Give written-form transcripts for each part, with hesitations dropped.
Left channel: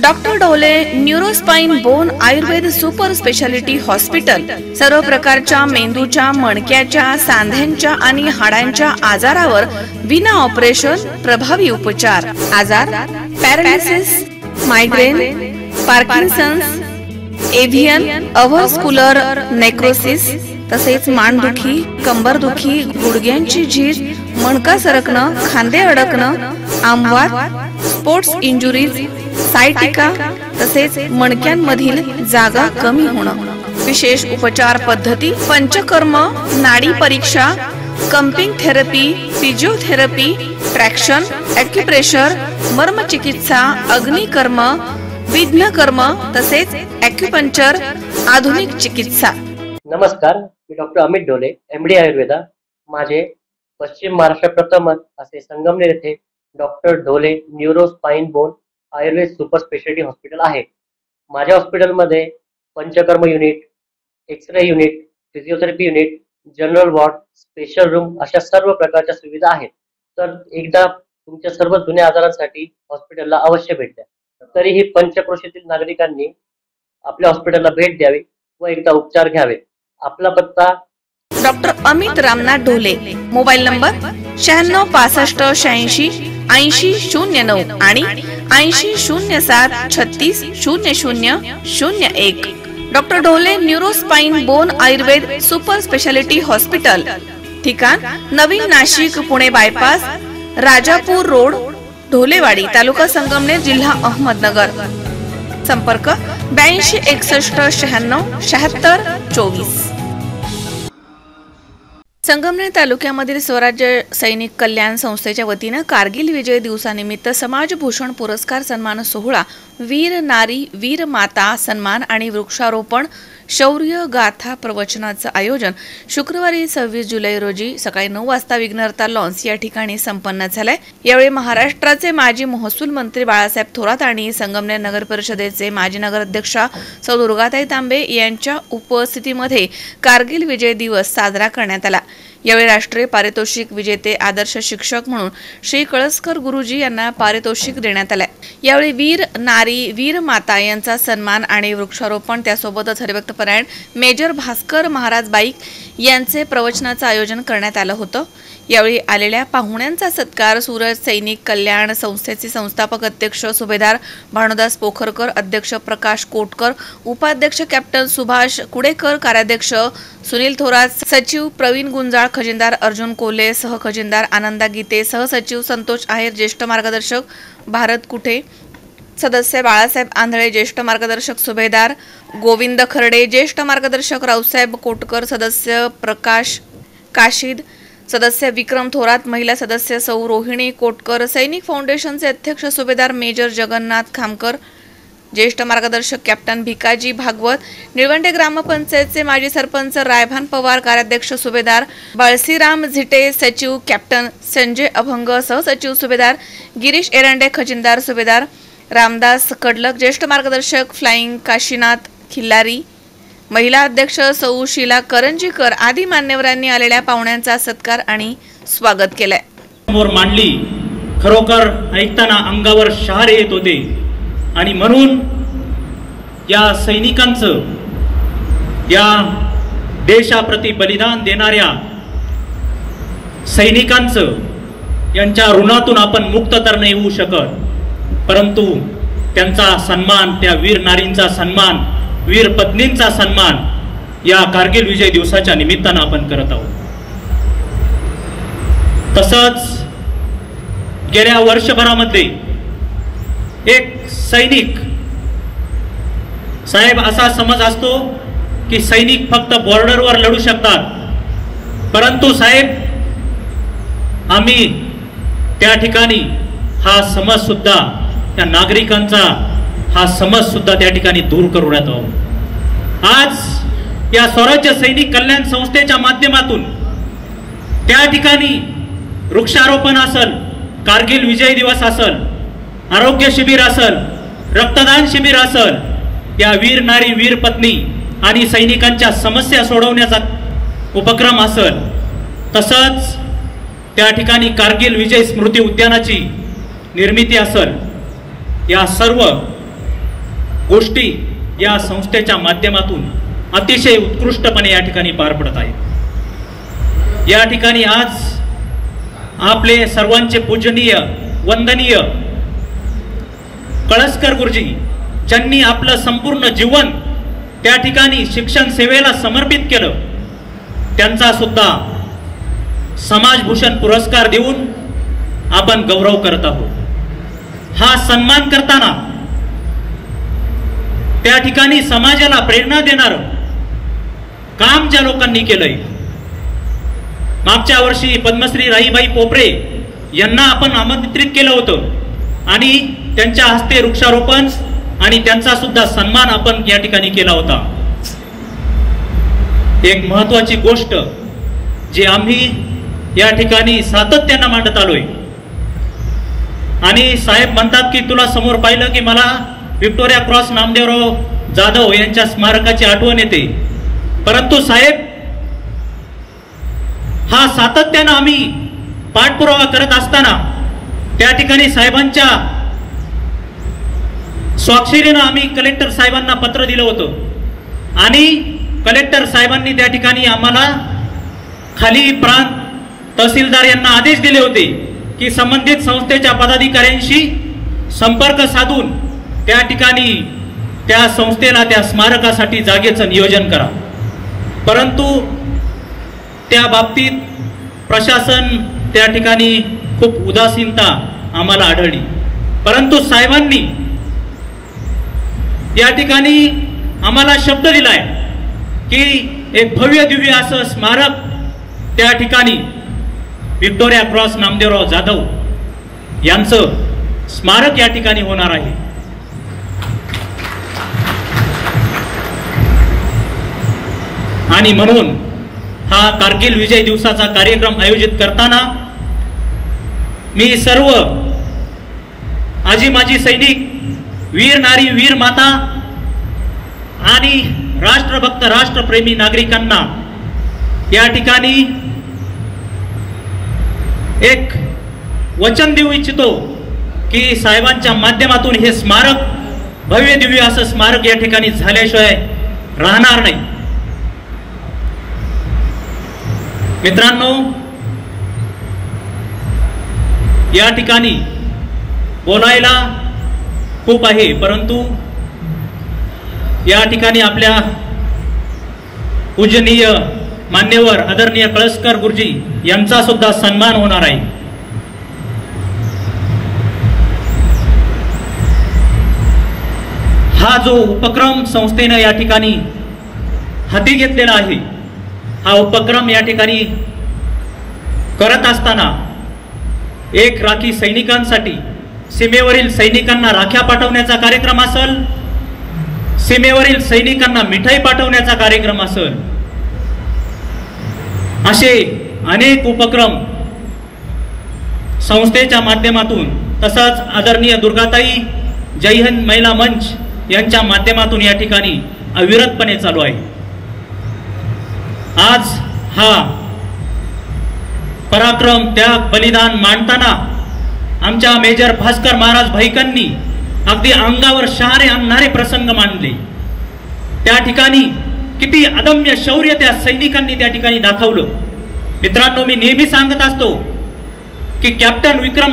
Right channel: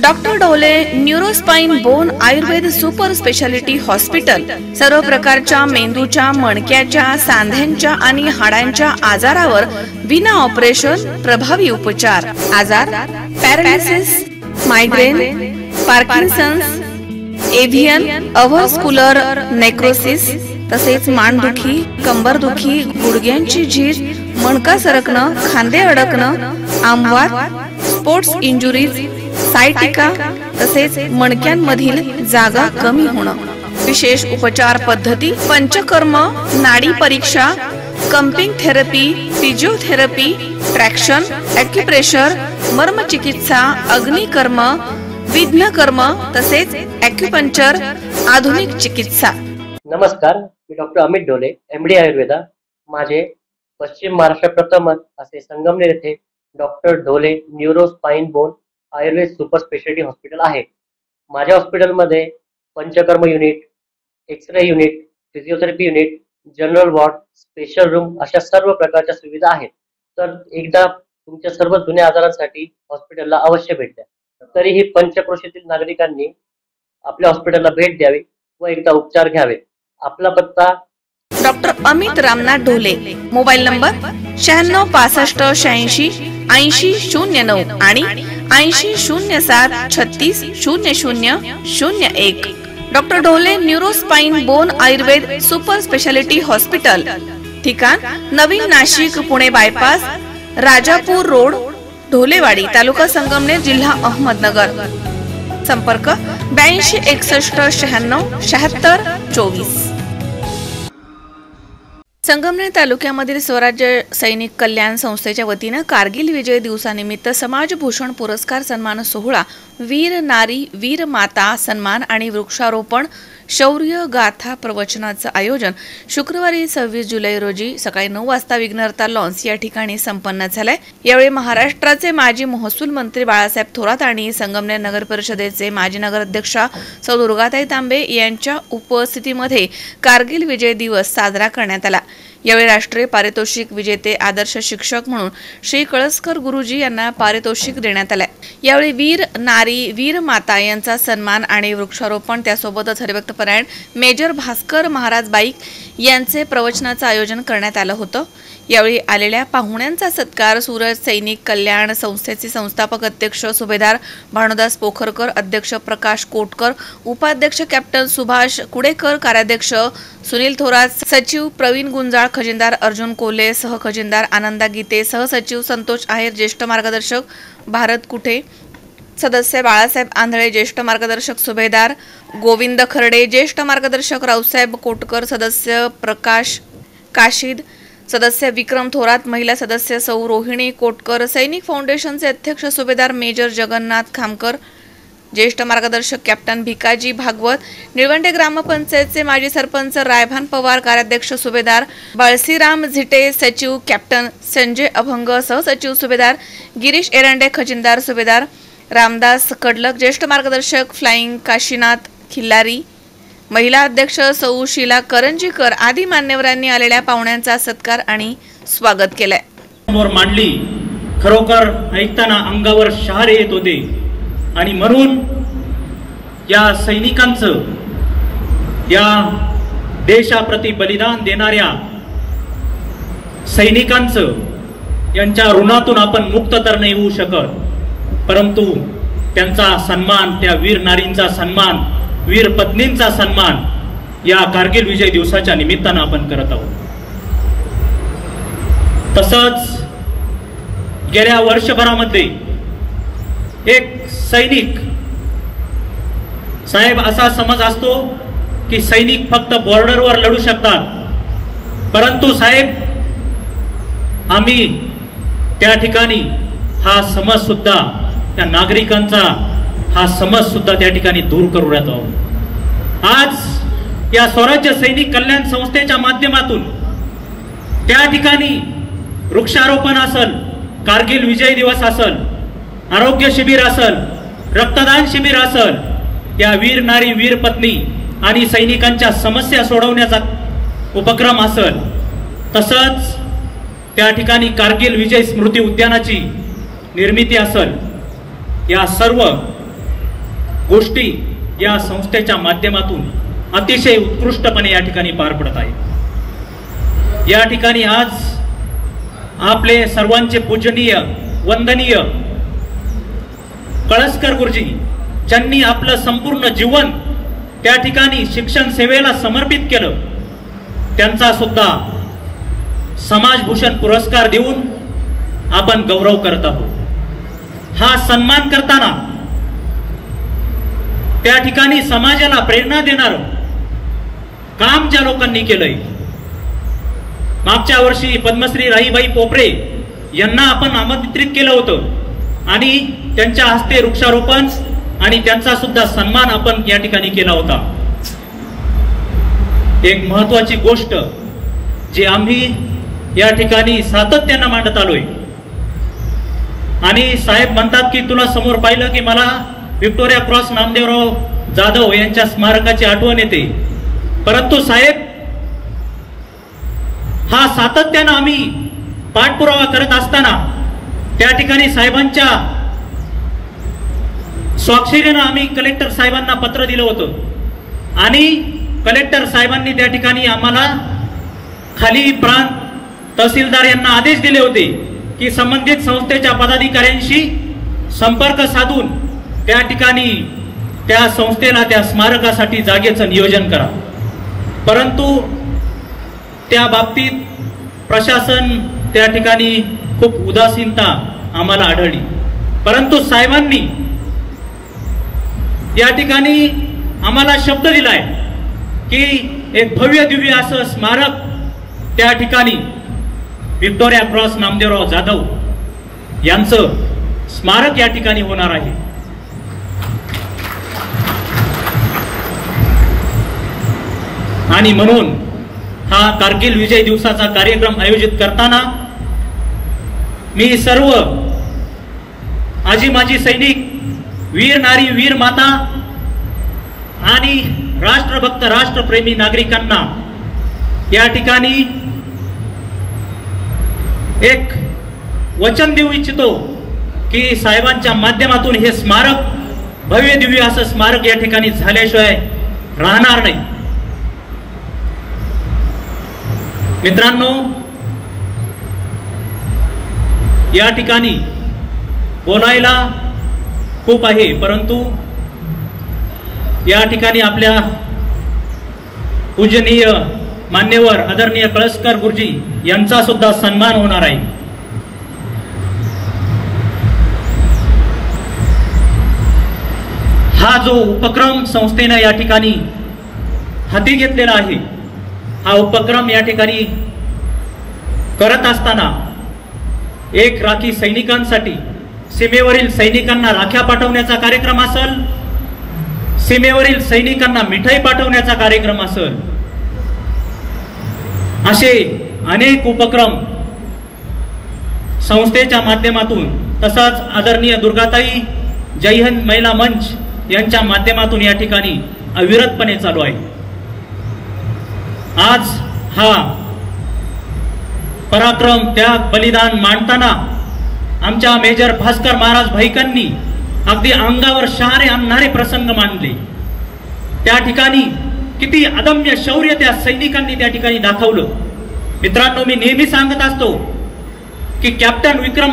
Doctor Dhole neurospine bone Ayurveda super speciality hospital सर्व प्रकारच्या मेंदूच्या, मणक्याच्या, सांध्यांच्या आणि हाडांच्या आजारावर विना ऑपरेशन प्रभावी उपचार. आजार पॅरालिसिस, मायग्रेन, पार्किन्सन्स, एव्हियन, अव्हस्क्युलर नेक्रोसिस, तसेच मानदुखी, कंबरदुखी, गुडघ्यांची झीज, मणका सरकणं, खांदे अडकणं, आमवात, स्पोर्ट्स इंजुरीज, सायटिका, तसेच मणक्यांमधील जागा कमी होणं. विशेष उपचार पद्धती पंचकर्म, नाडी परीक्षा, cupping therapy, physiotherapy, traction, acupressure, मर्मचिकित्सा, अग्निकर्म, विघ्नकर्म, तसेच ॲक्युपंक्चर, आधुनिक चिकित्सा. नमस्कार, मी डॉक्टर अमित ढोले, MD आयुर्वेदा. माझे पश्चिम महाराष्ट्र प्रथमच असे संगमनेर येथे doctor Dhole neuro spine bone Ayurveda super speciality hospital आहे. माझ्या हॉस्पिटलमध्ये panchakarma unit, X ray unit, physiotherapy unit, general ward, special room अशा सर्व प्रकारच्या सुविधा आहेत. तर एकदा तुमच्या सर्व जुन्या आजारांसाठी हॉस्पिटलला अवश्य भेट द्या. तरीही पंचक्रोशीतील नागरिकांनी आपल्या हॉस्पिटलला भेट द्यावी व एकदा उपचार घ्यावे. आपला पत्ता doctor Amit Ramnath Dhole, mobile number 96 65 86 80 09 आणि 80 07 36 00 01. Doctor Dhole neurospine bone Ayurveda super speciality hospital, ठिकाण नवीन नाशिक पुणे बायपास, राजापूर रोड, ढोलेवाडी, तालुका संगमनेर, जिल्हा अहमदनगर. संपर्क 82 61 96 76 24. संगमनेर तालुक्यामधील स्वराज्य सैनिक कल्याण संस्थेच्या वतीनं कारगिल विजय दिवसानिमित्त समाजभूषण पुरस्कार सन्मान सोहळा, वीर नारी, वीर माता सन्मान आणि वृक्षारोपण शौर्य गाथा प्रवचनाचं आयोजन शुक्रवारी 26 जुलै रोजी सकाळी 9 वाजता विघ्नहर्ता लॉन्स या ठिकाणी संपन्न झालंय. यावेळी महाराष्ट्राचे माजी महसूल मंत्री बाळासाहेब थोरात आणि संगमनेर नगर परिषदेचे माजी नगराध्यक्षा सौ दुर्गाताई तांबे यांच्या उपस्थितीमध्ये कारगिल विजय दिवस साजरा करण्यात आला. यावेळी राष्ट्रीय पारितोषिक विजेते आदर्श शिक्षक म्हणून श्री कळसकर गुरुजी यांना पारितोषिक देण्यात आले. यावेळी वीर नारी, वीर माता यांचा सन्मान आणि वृक्षारोपण, त्यासोबतच हरिभक्तपरायण मेजर भास्कर महाराज बाईक यांचे प्रवचनाचं आयोजन करण्यात आलं होतं. यावेळी आलेल्या पाहुण्यांचा सत्कार सूरज सैनिक कल्याण संस्थेचे संस्थापक अध्यक्ष सुभेदार भानुदास पोखरकर, अध्यक्ष प्रकाश कोटकर, उपाध्यक्ष कॅप्टन सुभाष कुडेकर, कार्याध्यक्ष सुनील थोरात, सचिव प्रवीण गुंजाळ, खजिनदार अर्जुन कोल्हे, सहखजिनदार आनंदा गीते, सहसचिव संतोष आहेर, ज्येष्ठ मार्गदर्शक भारत कुठे, सदस्य बाळासाहेब आंधळे, ज्येष्ठ मार्गदर्शक सुभेदार गोविंद खर्डे, ज्येष्ठ मार्गदर्शक रावसाहेब कोटकर, सदस्य प्रकाश काशीद, सदस्य विक्रम थोरात, महिला सदस्य सौ रोहिणी कोटकर, सैनिक फाउंडेशनचे अध्यक्ष सुभेदार मेजर जगन्नाथ खामकर, ज्येष्ठ मार्गदर्शक कॅप्टन भिकाजी भागवत, निळवंडे ग्रामपंचायतचे माजी सरपंच रायभान पवार, कार्याध्यक्ष सुभेदार बाळसीराम झिटे, सचिव कॅप्टन संजय अभंग, सहसचिव सुभेदार गिरीश एरंडे, खजिनदार सुभेदार रामदास कडलक, ज्येष्ठ मार्गदर्शक फ्लाइंग काशीनाथ खिल्लारी, महिला अध्यक्ष सौ शीला करंजीकर आदी मान्यवरांनी आलेल्या पाहुण्यांचा सत्कार आणि स्वागत केलंय. मांडली खरोखर ऐकताना अंगावर शहारे येत होते आणि म्हणून या सैनिकांचं, या देशाप्रती बलिदान देणाऱ्या सैनिकांचं, यांच्या ऋणातून आपण मुक्त तर नाही होऊ शकत, परंतु त्यांचा सन्मान, त्या वीर नारींचा सन्मान, वीर पत्नींचा सन्मान या कारगिल विजय दिवसाच्या निमित्तानं आपण करत आहोत. तसंच गेल्या वर्षभरामध्ये एक सैनिक साहेब, असा समज असतो की सैनिक फक्त बॉर्डरवर लढू शकतात, परंतु साहेब आम्ही त्या ठिकाणी हा समज सुद्धा, त्या नागरिकांचा हा समज सुद्धा त्या ठिकाणी दूर करू राहत आहोत. आज या स्वराज्य सैनिक कल्याण संस्थेच्या माध्यमातून त्या ठिकाणी वृक्षारोपण असेल, कारगिल विजय दिवस असेल, आरोग्य शिबिर असेल, रक्तदान शिबिर असेल, या वीर नारी, वीर पत्नी आणि सैनिकांच्या समस्या सोडवण्याचा उपक्रम असेल, तसंच त्या ठिकाणी कारगिल विजय स्मृती उद्यानाची निर्मिती असेल, या सर्व गोष्टी या संस्थेच्या माध्यमातून अतिशय उत्कृष्टपणे या ठिकाणी पार पडत आहे। या ठिकाणी आज आपले सर्वांचे पूजनीय वंदनीय कळसकर गुरुजी ज्यांनी आपलं संपूर्ण जीवन त्या ठिकाणी शिक्षण सेवेला समर्पित केलं, त्यांचा सुद्धा समाजभूषण पुरस्कार देऊन आपण गौरव करत आहोत। हा सन्मान करताना त्या ठिकाणी समाजाला प्रेरणा देणार काम ज्या लोकांनी केलंय, मागच्या वर्षी पद्मश्री राहीबाई पोपरे यांना आपण आमंत्रित केलं होतं आणि त्यांच्या हस्ते वृक्षारोपण आणि त्यांचा सुद्धा सन्मान आपण या ठिकाणी केला होता। एक महत्वाची गोष्ट जी आम्ही या ठिकाणी सातत्याने मांडत आलोय आणि साहेब म्हणतात की तुला समोर पाहिलं की मला व्हिक्टोरिया क्रॉस नामदेवराव जाधव यांच्या स्मारकाची आठवण येते, परंतु साहेब हा सातत्याने आम्ही पाठपुरावा करत असताना त्या ठिकाणी साहेबांच्या स्वाक्षरीने आम्ही कलेक्टर साहेबांना पत्र दिलं होतं आणि कलेक्टर साहेबांनी त्या ठिकाणी आम्हाला खाली प्रांत तहसीलदार यांना आदेश दिले होते की संबंधित संस्थेच्या पदाधिकाऱ्यांशी संपर्क साधून त्या ठिकाणी त्या संस्थेला त्या स्मारकासाठी जागेचं नियोजन करा, परंतु त्या बाबतीत प्रशासन त्या ठिकाणी खूप उदासीनता आम्हाला आढळली। परंतु साहेबांनी या ठिकाणी आम्हाला शब्द दिलाय की एक भव्य दिव्य असं स्मारक त्या ठिकाणी व्हिक्टोरिया क्रॉस नामदेवराव जाधव यांचं स्मारक या ठिकाणी होणार आहे। आणि म्हणून हा कारगिल विजय दिवसाचा कार्यक्रम आयोजित करताना मी सर्व आजी माजी सैनिक, वीर नारी, वीर माता आणि राष्ट्रभक्त राष्ट्रप्रेमी नागरिकांना या ठिकाणी एक वचन देऊ इच्छितो की साहेबांच्या माध्यमातून हे स्मारक भव्य दिव्य असं स्मारक या ठिकाणी झाल्याशिवाय राहणार नाही। मित्रांनो, या ठिकाणी बोलायला खूप आहे, परंतु या ठिकाणी आपल्या पूजनीय मान्यवर आदरणीय कळसकर गुरुजी यांचा सुद्धा सन्मान होणार आहे। हा जो उपक्रम संस्थेने या ठिकाणी हाती घेतलेला आहे, हा उपक्रम या ठिकाणी करत असताना एक राखी सैनिकांसाठी सीमेवरील सैनिकांना राख्या पाठवण्याचा कार्यक्रम असेल, सीमेवरील सैनिकांना मिठाई पाठवण्याचा कार्यक्रम असेल, असे अनेक उपक्रम संस्थेच्या माध्यमातून, तसाच आदरणीय दुर्गाताई जय हिंद महिला मंच यांच्या माध्यमातून या ठिकाणी अविरतपणे चालू आहे। आज हा पराक्रम, त्याग, बलिदान मांडताना आमच्या मेजर भास्कर महाराज भाईकांनी अगदी अंगावर शहारे आणणारे प्रसंग मांडले। त्या ठिकाणी किती अदम्य शौर्य त्या सैनिकांनी त्या ठिकाणी दाखवलं। मित्रांनो, मी नेहमी सांगत असतो की कॅप्टन विक्रम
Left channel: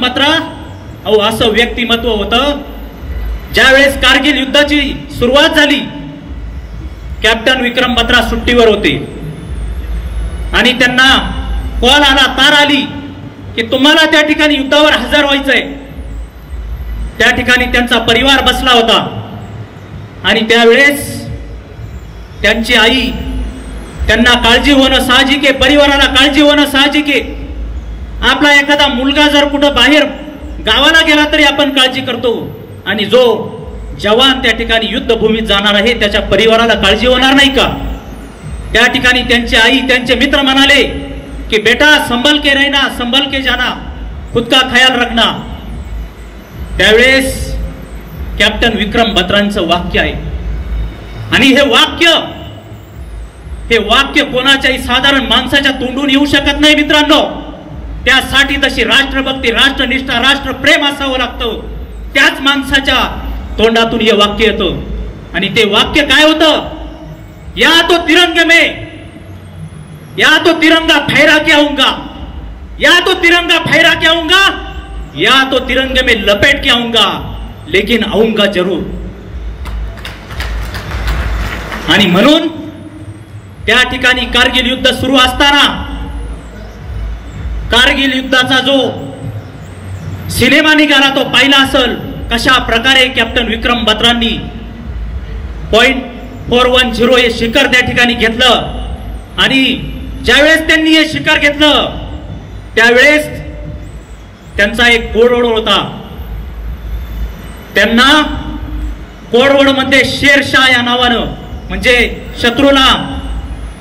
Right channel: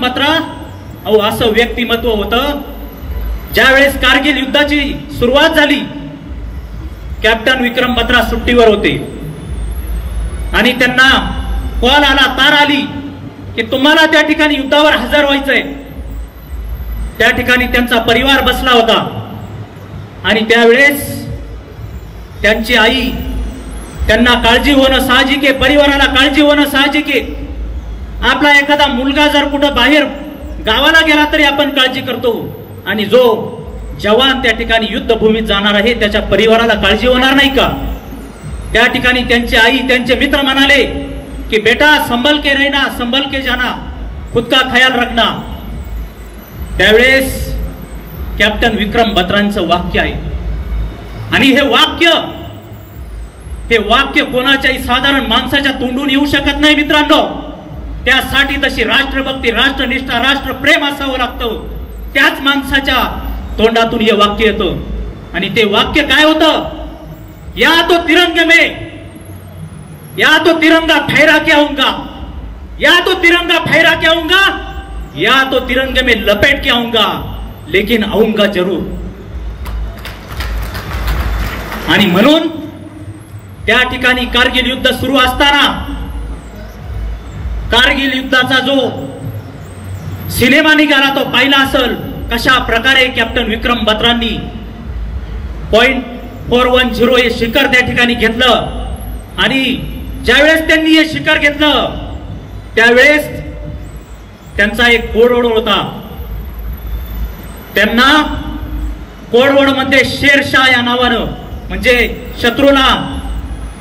बत्रा अहो असं व्यक्तिमत्व होतं, ज्यावेळेस कारगिल युद्धाची सुरुवात झाली कॅप्टन विक्रम बत्रा सुट्टीवर होते आणि त्यांना कॉल आला, तार आली की तुम्हाला त्या ठिकाणी युद्धावर हजर व्हायचंय। त्या ठिकाणी त्यांचा परिवार बसला होता आणि त्यावेळेस त्यांची आई, त्यांना काळजी होणं साहजिक आहे, परिवाराला काळजी होणं साहजिक आहे। आपला एखादा मुलगा जर कुठं बाहेर गावाला गेला तरी आपण काळजी करतो, आणि जो जवान त्या ठिकाणी युद्धभूमीत जाणार आहे त्याच्या परिवाराला काळजी होणार नाही का? त्या ठिकाणी त्यांची आई, त्यांचे मित्र म्हणाले की बेटा संभल के रहना, संभल के जाना, खुद का ख्याल रखना। त्यावेळेस कॅप्टन विक्रम बत्रांचं वाक्य आहे आणि हे वाक्य कोणाच्याही साधारण माणसाच्या तोंडून येऊ शकत नाही मित्रांनो। त्यासाठी तशी राष्ट्रभक्ती, राष्ट्रनिष्ठा, राष्ट्रप्रेम असावं लागतं। त्याच माणसाच्या तोंडातून हे वाक्य येतं आणि ते वाक्य काय होतं? या तो तिरंगे में, या तो तिरंगा फहरा के आऊंगा, या तो तिरंगा फहरा के आऊंगा, या तो तिरंगे में लपेट के आऊंगा, लेकिन आऊंगा जरूर. आणि म्हणून त्या ठिकाणी कारगिल युद्ध सुरू असताना कारगिल युद्धाचा जो सिनेमा निघाला तो पाहिला असेल, कशा प्रकारे कॅप्टन विक्रम बत्रांनी .410 हे शिखर त्या ठिकाणी घेतलं. आणि ज्यावेळेस त्यांनी हे शिखर घेतलं त्यावेळेस त्यांचा एक कोडवर्ड होता. त्यांना कोडवर्ड मध्ये शेरशाह या नावानं, म्हणजे शत्रूला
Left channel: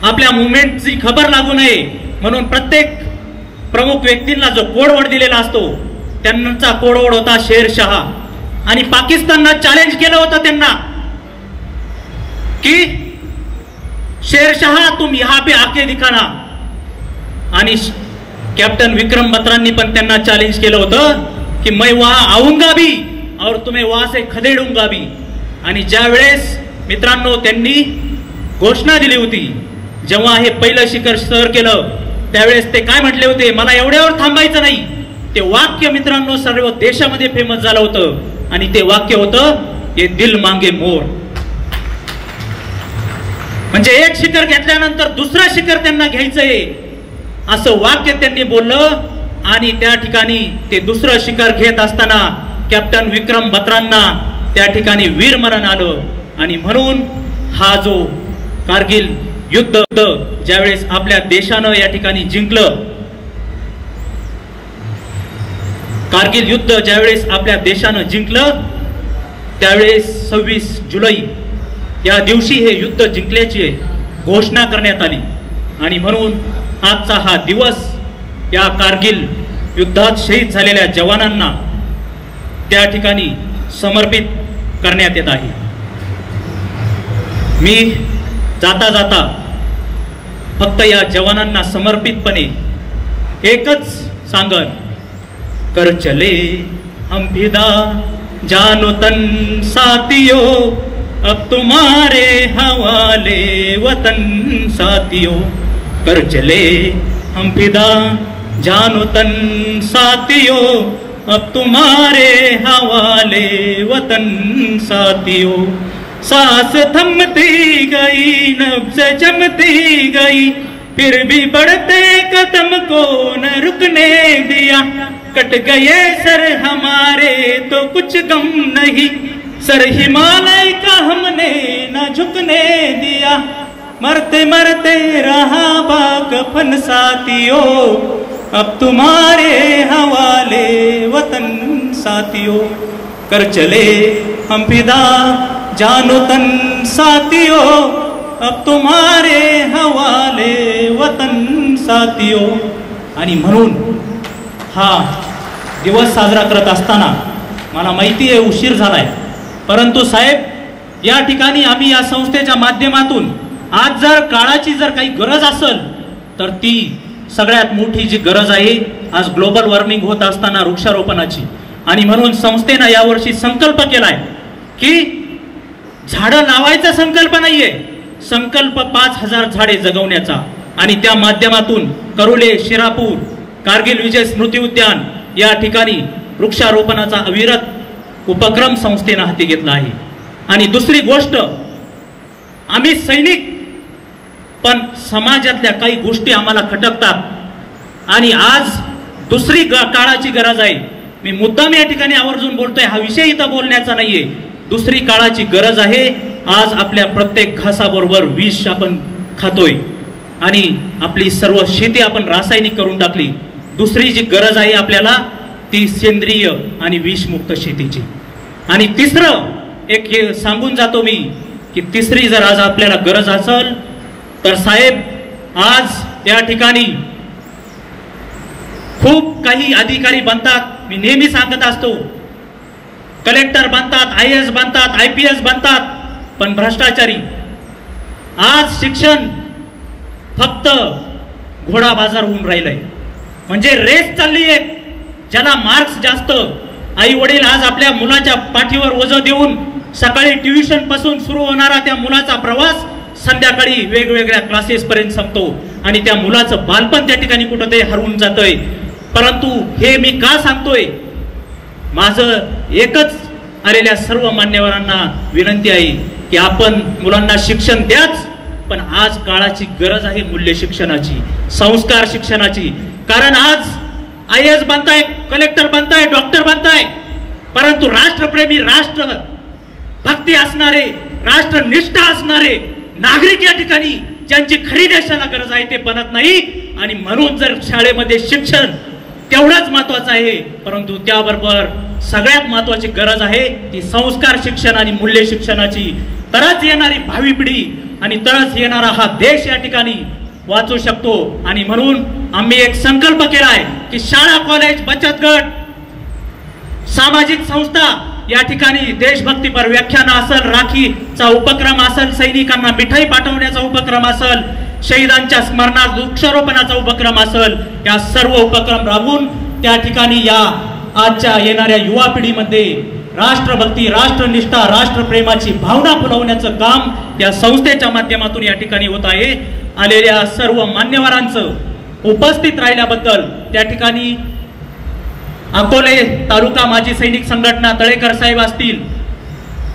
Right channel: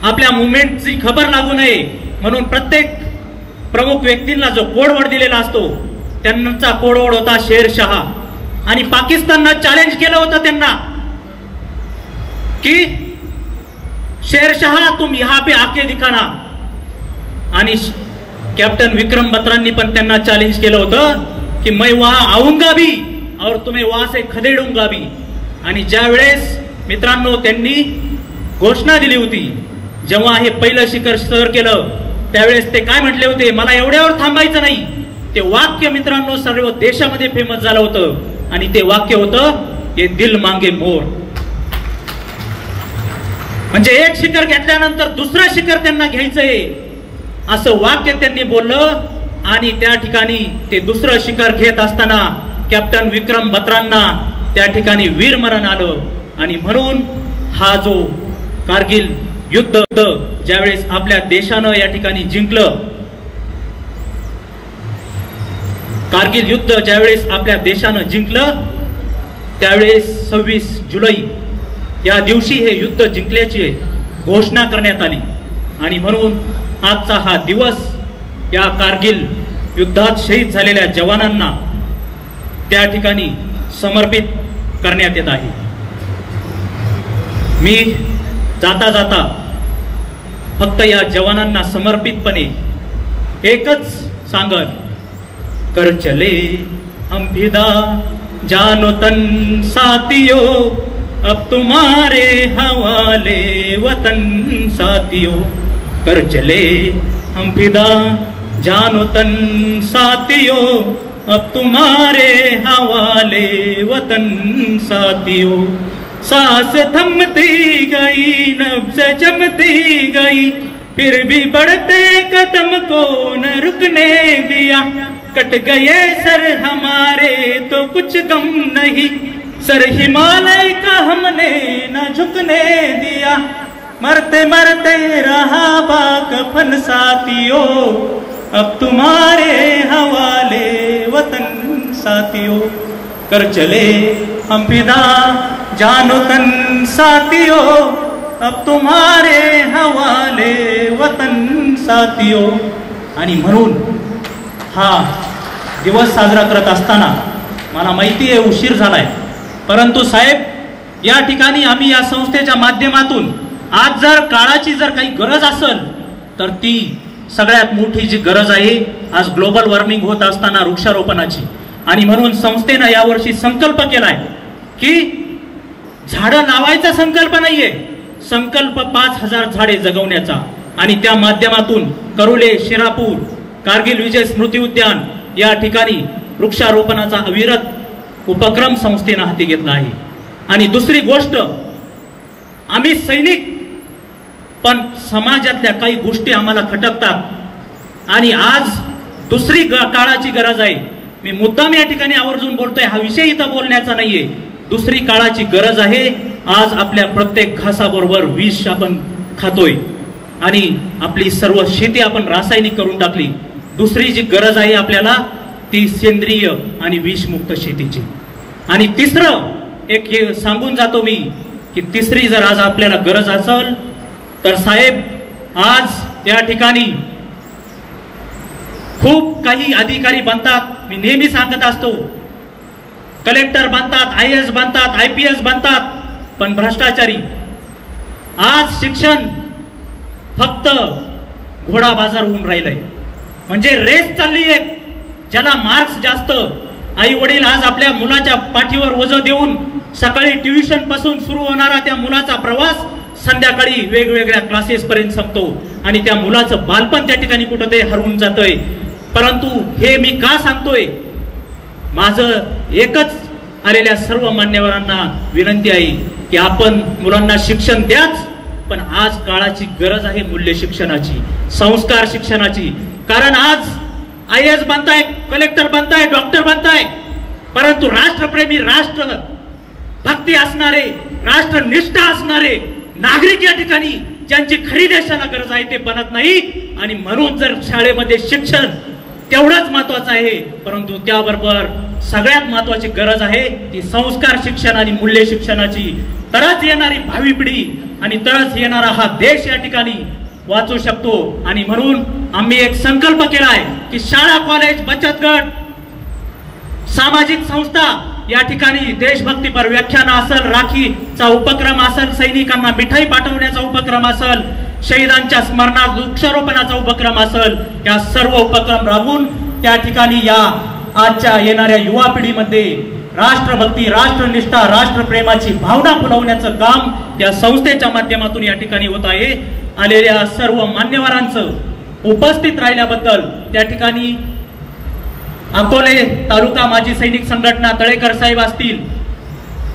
आपल्या मुवमेंटची खबर लागू नये म्हणून प्रत्येक प्रमुख व्यक्तींना जो कोडवर्ड दिलेला असतो त्यांचा कोडवर्ड होता शेरशाह. आणि पाकिस्ताननं चॅलेंज केलं होतं त्यांना की शेरशाह तुम यहां पे आके दिखाना. आणि कॅप्टन विक्रम बत्रांनी पण त्यांना चॅलेंज केलं होतं की मैं वहां आऊंगा भी और तुम्हें वहां से खदेडूंगा भी. आणि ज्यावेळेस मित्रांनो त्यांनी घोषणा दिली होती, जेव्हा हे पहिलं शिखर सर केलं त्यावेळेस ते काय म्हटले होते? मला एवढ्यावर थांबायचं नाही. ते वाक्य मित्रांनो सर्व देशामध्ये फेमस झालं होतं आणि ते वाक्य होतं, ये दिल मांगे मोर. म्हणजे एक शिखर घेतल्यानंतर दुसरं शिखर त्यांना घ्यायचंय असं वाक्य त्यांनी बोललं. आणि त्या ठिकाणी ते दुसरं शिखर घेत असताना कॅप्टन विक्रम बत्रांना त्या ठिकाणी वीरमरण आलं. आणि म्हणून हा जो कारगिल युद्ध ज्यावेळेस आपल्या देशानं या ठिकाणी जिंकलं, कारगिल युद्ध ज्यावेळेस आपल्या देशानं जिंकलं त्यावेळेस 26 जुलै या दिवशी हे युद्ध जिंकल्याची घोषणा करण्यात आली. आणि म्हणून आजचा हा दिवस या कारगिल युद्धात शहीद झालेल्या जवानांना त्या ठिकाणी समर्पित करण्यात येत आहे. मी जाता जाता फक्त या जवानांना समर्पितपणे एकच सांगन, कर चले हम फिदा जानो तन साथियों, अब तुम्हारे हवाले वतन साथियों. कर चले हम फिदा जानो तन साथियों, अब तुम्हारे हवाले वतन साथियों. सांस थमती गई, नब्ज जमती गई, फिर भी बढ़ते कदम को न रुकने दिया. कट गए सर हमारे तो कुछ गम नहीं, सर हिमालय का हमने न झुकने दिया. मरते मरते रहा बाकफन साथियों, अब तुम्हारे हवाले वतन साथियों. कर चले हम फिदा जानो तन साथियों, अब तुम्हारे हवाले वतन साथियों. आणि म्हणून हा दिवस साजरा करत असताना मला माहिती आहे उशीर झालाय, परंतु साहेब या ठिकाणी आम्ही या संस्थेच्या माध्यमातून आज जर काळाची जर काही गरज असेल तर ती सगळ्यात मोठी जी गरज आहे आज ग्लोबल वॉर्मिंग होत असताना वृक्षारोपणाची. आणि म्हणून संस्थेनं यावर्षी संकल्प केलाय की झाडं लावायचा संकल्प नाहीये, संकल्प 5000 झाडे जगवण्याचा. आणि त्या माध्यमातून करुले, शिरापूर, कारगिल विजय स्मृती उद्यान या ठिकाणी वृक्षारोपणाचा अविरत उपक्रम संस्थेनं हाती घेतला आहे. आणि दुसरी गोष्ट, आम्ही सैनिक पण समाजातल्या काही गोष्टी आम्हाला खटकतात आणि आज दुसरी काळाची गरज आहे. मी मुद्दाम या ठिकाणी आवर्जून बोलतोय, हा विषय इथं बोलण्याचा नाहीये. दुसरी काळाची गरज आहे. आज आपल्या प्रत्येक घासाबरोबर विष आपण खातोय आणि आपली सर्व शेती आपण रासायनिक करून टाकली. दुसरी जी गरज आहे आपल्याला ती सेंद्रिय आणि विषमुक्त शेतीची. आणि तिसरं एक सांगून जातो मी की तिसरी जर आज आपल्याला गरज असेल तर साहेब आज या ठिकाणी खूप काही अधिकारी बनतात. मी नेहमी सांगत असतो, कलेक्टर बनतात, IAS बनतात, IPS बनतात, पण भ्रष्टाचारी. आज शिक्षण फक्त घोडा बाजार होऊन राहिलंय. म्हणजे रेस चालली आहे, ज्याला मार्क्स जास्त आई वडील आज आपल्या मुलाच्या पाठीवर ओझं देऊन सकाळी ट्युशन पासून सुरू होणारा त्या मुलाचा प्रवास संध्याकाळी वेगवेगळ्या क्लासेस पर्यंत संपतो आणि त्या मुलाचं बालपण त्या ठिकाणी कुठं ते हरवून जातोय. परंतु हे मी का सांगतोय, माझं एकच आलेल्या सर्व मान्यवरांना विनंती आहे की आपण मुलांना शिक्षण द्याच, पण आज काळाची गरज आहे मूल्य शिक्षणाची, संस्कार शिक्षणाची. कारण आज IAS बनताय, कलेक्टर बनताय, डॉक्टर बनताय, परंतु राष्ट्रप्रेमी, राष्ट्र भक्ती असणारे, राष्ट्रनिष्ठा असणारे नागरिक या ठिकाणी ज्यांची खरी देशाला गरज आहे ते बनत नाही. आणि म्हणून जर शाळेमध्ये शिक्षण तेवढंच महत्वाचं आहे, परंतु त्याबरोबर सगळ्यात महत्वाची गरज आहे ती संस्कार शिक्षण आणि मूल्य शिक्षणाची. तरच येणारी भावी पिढी आणि तरच येणारा हा देश या ठिकाणी वाचू शकतो. आणि म्हणून आम्ही एक संकल्प केलाय की शाळा, कॉलेज, बचत गट, सामाजिक संस्था या ठिकाणी देशभक्तीपर व्याख्यान असेल, राखीचा उपक्रम असेल, सैनिकांना मिठाई पाठवण्याचा उपक्रम असेल, शहीदांच्या स्मरणार्थ वृक्षारोपणाचा उपक्रम असेल, या सर्व उपक्रम राबवून त्या ठिकाणी या आजच्या येणाऱ्या युवा पिढीमध्ये राष्ट्रभक्ती, राष्ट्रनिष्ठा, राष्ट्रप्रेमाची भावना फुलवण्याचं काम या संस्थेच्या माध्यमातून या ठिकाणी होत आहे. आलेल्या सर्व मान्यवरांचं उपस्थित राहिल्याबद्दल त्या ठिकाणी अकोले तालुका माजी सैनिक संघटना तळेकर साहेब असतील,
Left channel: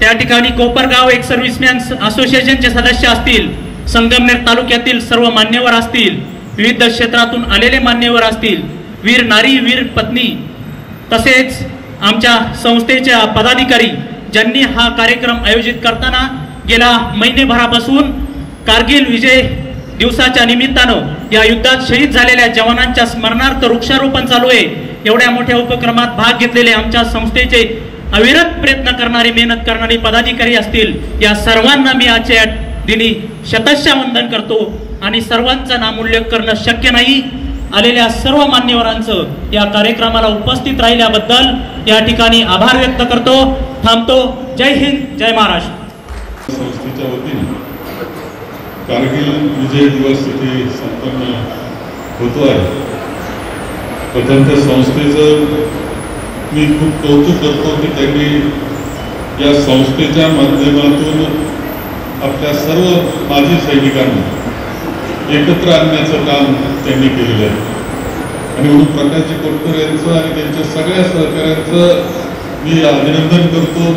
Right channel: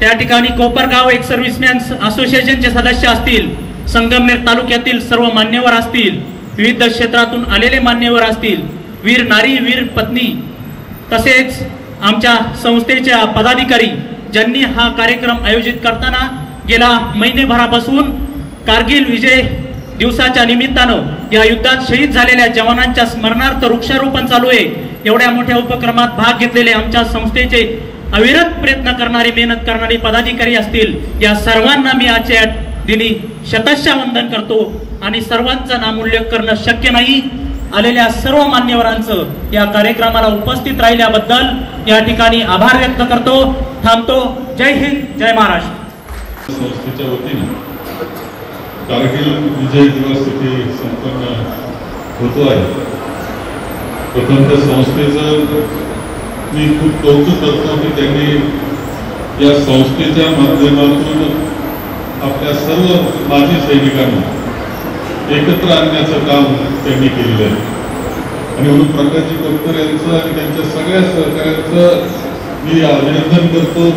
त्या ठिकाणी कोपरगाव एक सर्व्हिसमॅन असोसिएशनचे सदस्य असतील, संगमनेर तालुक्यातील सर्व मान्यवर असतील, विविध क्षेत्रातून आलेले मान्यवर असतील, वीर नारी, वीर पत्नी, तसेच आमच्या संस्थेच्या पदाधिकारी ज्यांनी हा कार्यक्रम आयोजित करताना गेल्या महिनेभरापासून कारगिल विजय दिवसाच्या निमित्तानं या युद्धात शहीद झालेल्या जवानांच्या स्मरणार्थ वृक्षारोपण चालू आहे. एवढ्या मोठ्या उपक्रमात भाग घेतलेले आमच्या संस्थेचे अविरत प्रयत्न करणारे, मेहनत करणारे पदाधिकारी असतील, या सर्वांना मी आजच्या दिनी शतशः वंदन करतो. आणि सर्वांचं नामोल्लेख करणं शक्य नाही. आलेल्या सर्व मान्यवरांचं या कार्यक्रमाला उपस्थित राहिल्याबद्दल या ठिकाणी आभार व्यक्त करतो. थांबतो. जय हिंद, जय महाराष्ट्र. संस्थेच्या वतीने कारगिल विजय दिवस इथे संपन्न होतो आहे. प्रथमतः संस्थेचं मी खूप कौतुक करतो की त्यांनी या संस्थेच्या माध्यमातून आपल्या सर्व माजी सैनिकांना एकत्र आणण्याचं काम त्यांनी केलेलं आहे. आणि म्हणून प्रकाशजी तटकरे यांचं आणि त्यांच्या सगळ्या सहकार्यांचं मी अभिनंदन करतो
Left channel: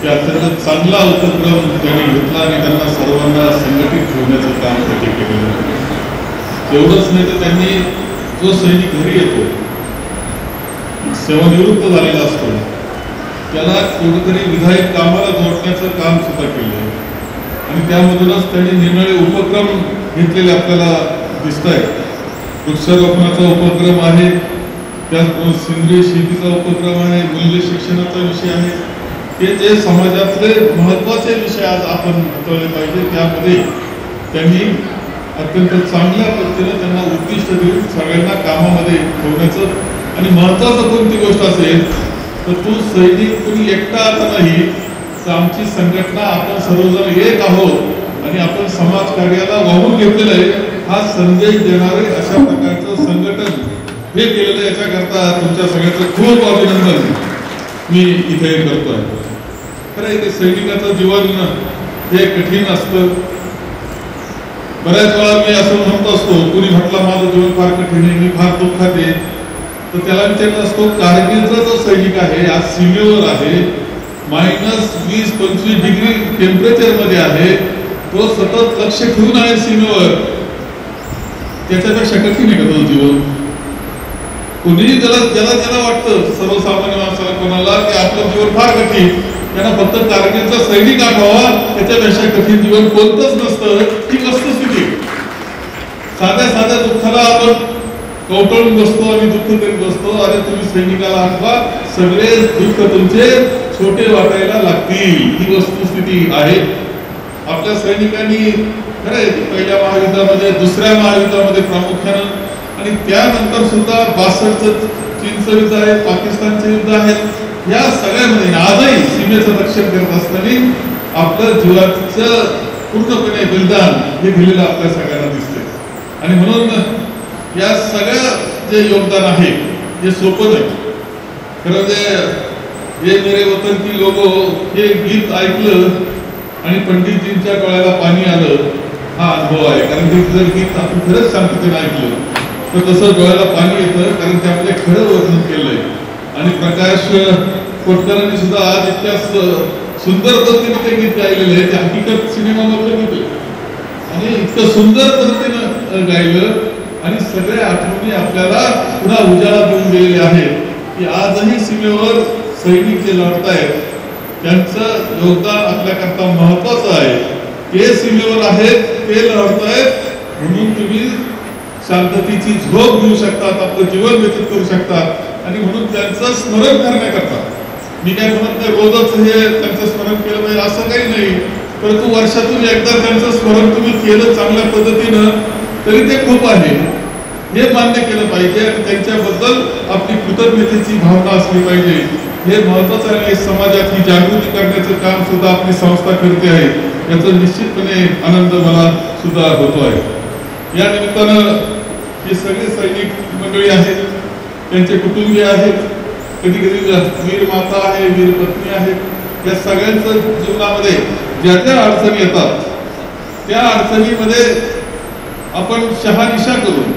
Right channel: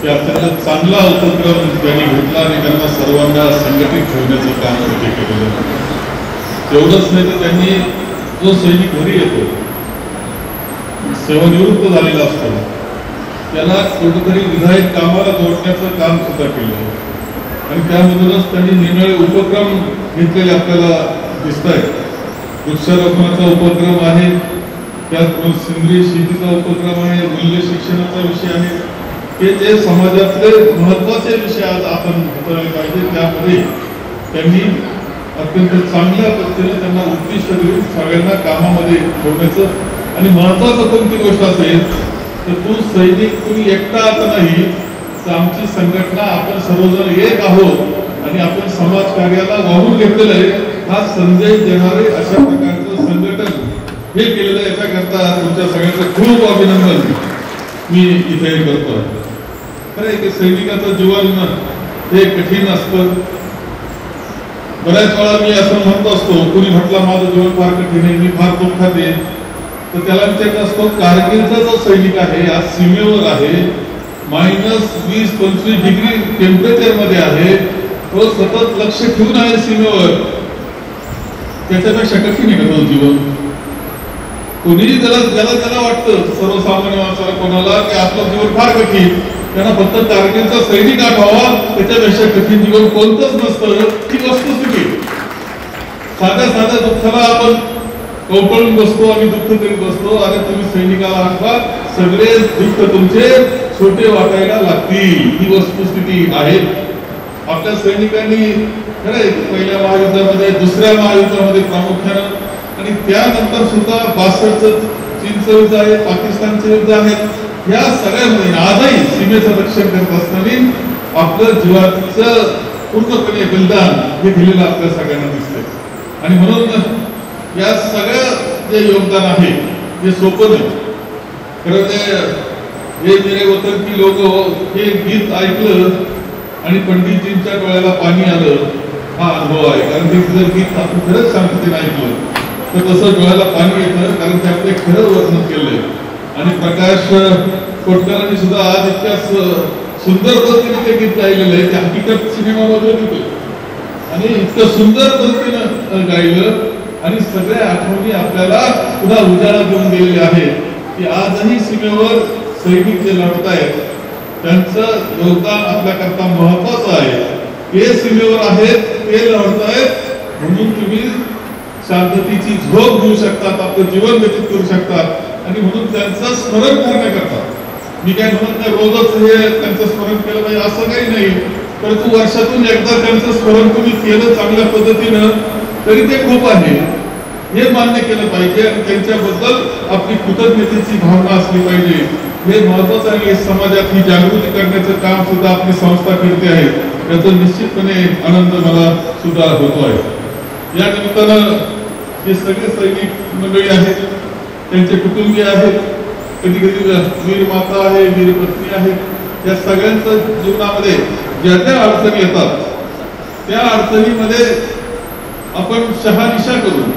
की अत्यंत चांगला उपक्रम त्यांनी घेतला आणि त्यांना सर्वांना संघटित ठेवण्याचं काम त्यांनी केलेलं. एवढंच नाही तर त्यांनी जो सैनिक घरी येतो, सेवानिवृत्त झालेला असतो, त्याला कुठेतरी विधायक कामाला जोडण्याचं काम सुद्धा केलं आहे. आणि त्यामधूनच त्यांनी निरनिराळे उपक्रम घेतलेले आपल्याला दिसत आहेत. वृक्षारोपणाचा उपक्रम आहे, त्याचबरोबर सेंद्रिय शेतीचा उपक्रम आहे, मूल्य शिक्षणाचा विषय आहे. हे जे समाजातले महत्वाचे विषय आज आपण हाताळले पाहिजे. त्यामध्ये त्यांनी अत्यंत चांगल्या पद्धतीने त्यांना उद्दिष्ट देऊन सगळ्यांना कामामध्ये ठेवण्याचं. आणि महत्वाचं कोणती गोष्ट असेल तर तू सैनिक तुम्ही एकटा आता नाही, तर आमची संघटना आपण सर्वजण एक आहोत आणि आपण समाज कार्याला वाहून घेतलेलं आहे. हा संदेश देणारे अशा प्रकारचं संघटन हे केलेलं आहे. याच्याकरता तुमच्या सगळ्यांचं खूप अभिनंदन मी इथे करतो. खरं आहे, सैनिकाचं जीवन हे कठीण असतं. बऱ्याच वेळा मी असं म्हणत असतो, कोणी म्हटलं माझं जीवन फार कठीण आहे, मी फार दुःखात आहे, तर त्याला विचारत असतो कारगिलचा जो सैनिक आहे आज सीमेवर आहे, -20-25 डिग्री टेम्परेचर मध्ये आहे, तो सतत लक्ष ठेवून आहे सीमेवर, त्याच्यापेक्षा कठीण आहे का जीवन? कोणीही ज्याला वाटतं सर्वसामान्य माणसाला कोणाला की आपलं जीवन फार कठीण, त्यांना फक्त कारगिलचा सैनिक आठवावा, त्याच्यापेक्षा कठीण जीवन कोणतंच नसतं. ही वस्तुस्थिती. साध्या दुःखाला आपण कवटळून बसतो आणि दुःख करीत बसतो. आणि तुम्ही सैनिकाला आठवा, सगळे दुःख तुमचे छोटे वाटायला लागतील. ही वस्तुस्थिती आहे. आपल्या सैनिकांनी खरंय पहिल्या महायुद्धामध्ये, दुसऱ्या महायुद्धामध्ये प्रामुख्यानं, आणि त्यानंतर सुद्धा 62चं चीनचं युद्ध आहे, पाकिस्तानचं युद्ध आहे, या सगळ्यामध्ये आजही सीमेचं रक्षण करत असताना आपलं जीवाचं पूर्णपणे बलिदान हे दिलेलं आपल्या सगळ्यांना दिसते. आणि म्हणून या सगळ्या जे योगदान आहे हे सोपं नाही. खरं ते हे मेरे वतन की लोगो हे गीत ऐकलं आणि पंडितजींच्या डोळ्याला पाणी आलं, हा अनुभव आहे. कारण ते जर गीत आपण खरंच शांततेने ऐकलं तर तसं डोळ्याला पाणी येतं, कारण ते आपले खरं वर्णन केलंय. आणि प्रकाश कोटकरांनी सुद्धा आज इतक्या सुंदर पद्धतीने ते गीत गायलेलं आहे, ते हकीकत सिनेमामधलं गीत आहे आणि इतकं सुंदर पद्धतीनं गायलं आणि सगळ्या आठवणी आपल्याला पुन्हा उजाळा देऊन गेलेले आहे की आजही सीमेवर सैनिक जे लढतायत त्यांचं योगदान आपल्याकरता महत्वाचं आहे. ते सीमेवर आहेत, ते लढतायत म्हणून तुम्ही शांततेची झोप घेऊ शकतात, आपलं जीवन व्यतीत करू शकतात आणि म्हणून त्यांचं स्मरण करण्याकरता मी काय म्हणत नाही रोजच हे त्यांचं स्मरण केलं पाहिजे असं काही नाही, परंतु वर्षातून एकदा त्यांचं स्मरण तुम्ही केलं चांगल्या पद्धतीनं तरी ते खूप आहे हे मान्य केलं पाहिजे आणि त्यांच्याबद्दल आपली कृतज्ञतेची भावना असली पाहिजे. हे महत्वाचं आहे. समाजात ही जागृती करण्याचं काम सुद्धा आपली संस्था करते आहे, याचा निश्चितपणे आनंद मला सुद्धा होतो आहे. या निमित्तानं हे सगळे सैनिक मंडळी आहेत, त्यांचे कुटुंबीय आहेत, कधी कधी वीर माता आहे, वीर पत्नी आहेत, या सगळ्यांचं जीवनामध्ये ज्या ज्या अडचणी येतात त्या अडचणीमध्ये आपण शहानिशा करून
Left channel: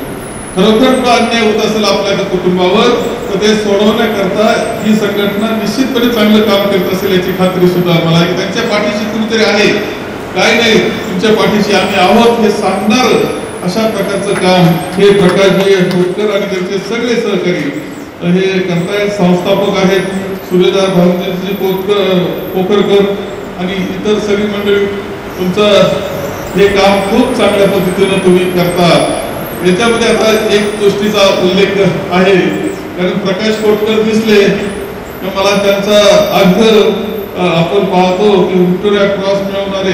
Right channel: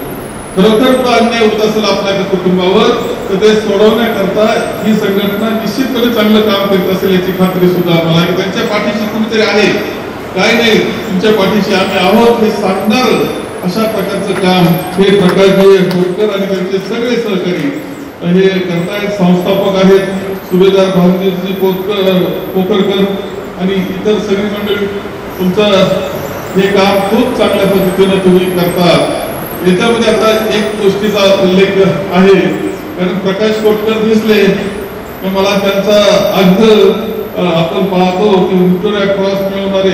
खरोखर तो अन्याय होत असेल आपल्या कुटुंबावर तर ते सोडवण्याकरता ही संघटना निश्चितपणे चांगलं काम करत असेल याची खात्री सुद्धा मला आहे. त्यांच्या पाठीशी कुणीतरी आहे, काय नाही तुमच्या पाठीशी आम्ही आहोत हे सांगणार अशा प्रकारचं काम हे प्रकाशभाई कोटकर आणि त्यांचे सगळे सहकारी हे करतायत. संस्थापक आहेत सुभेदार भाऊजी कोकरकर आणि इतर सगळी मंडळी. तुमचं हे काम खूप चांगल्या पद्धतीने तुम्ही करता. याच्यामध्ये आता एक गोष्टीचा उल्लेख आहे, कारण प्रकाश कोटकर दिसले तर मला त्यांचा आग्रह आपण पाहतो की व्हिक्टोरिया क्रॉस मिळवणारे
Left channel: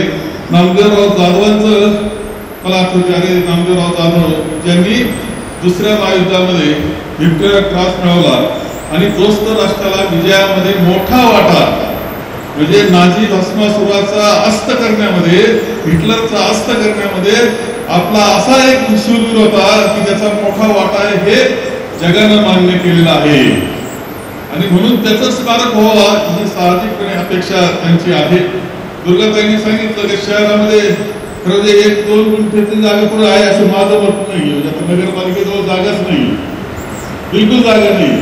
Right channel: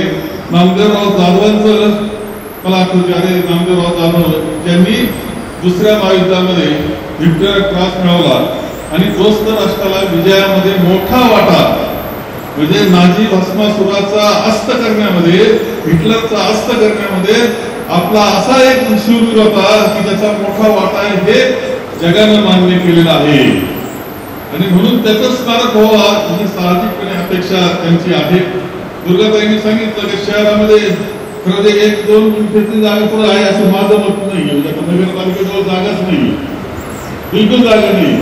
नामदेवराव जाधवांचं मला आठवते. अरे नामदेवराव जाधव ज्यांनी दुसऱ्या महायुद्धामध्ये व्हिक्टोरिया क्रॉस मिळवला आणि दोस्त राष्ट्राला विजयामध्ये मोठा वाटा म्हणजे नाझी भस्मासुराचा अस्त करण्यामध्ये, हिटलरचा अस्त करण्यामध्ये आपला असा एक शूरवीर होता की त्याचा मोठा वाटा आहे हे जगानं मान्य केलेला आहे आणि म्हणून त्याचं स्मारक व्हावा ही साहजिकपणे अपेक्षा त्यांची आहे. दुर्गाताईंनी सांगितलं की शहरामध्ये खरं 1-2 गुंठेची जागा पुढे आहे असं माझं मत नाही. नगरपालिकेजवळ जागाच नाही, बिलकुल जागा नाही.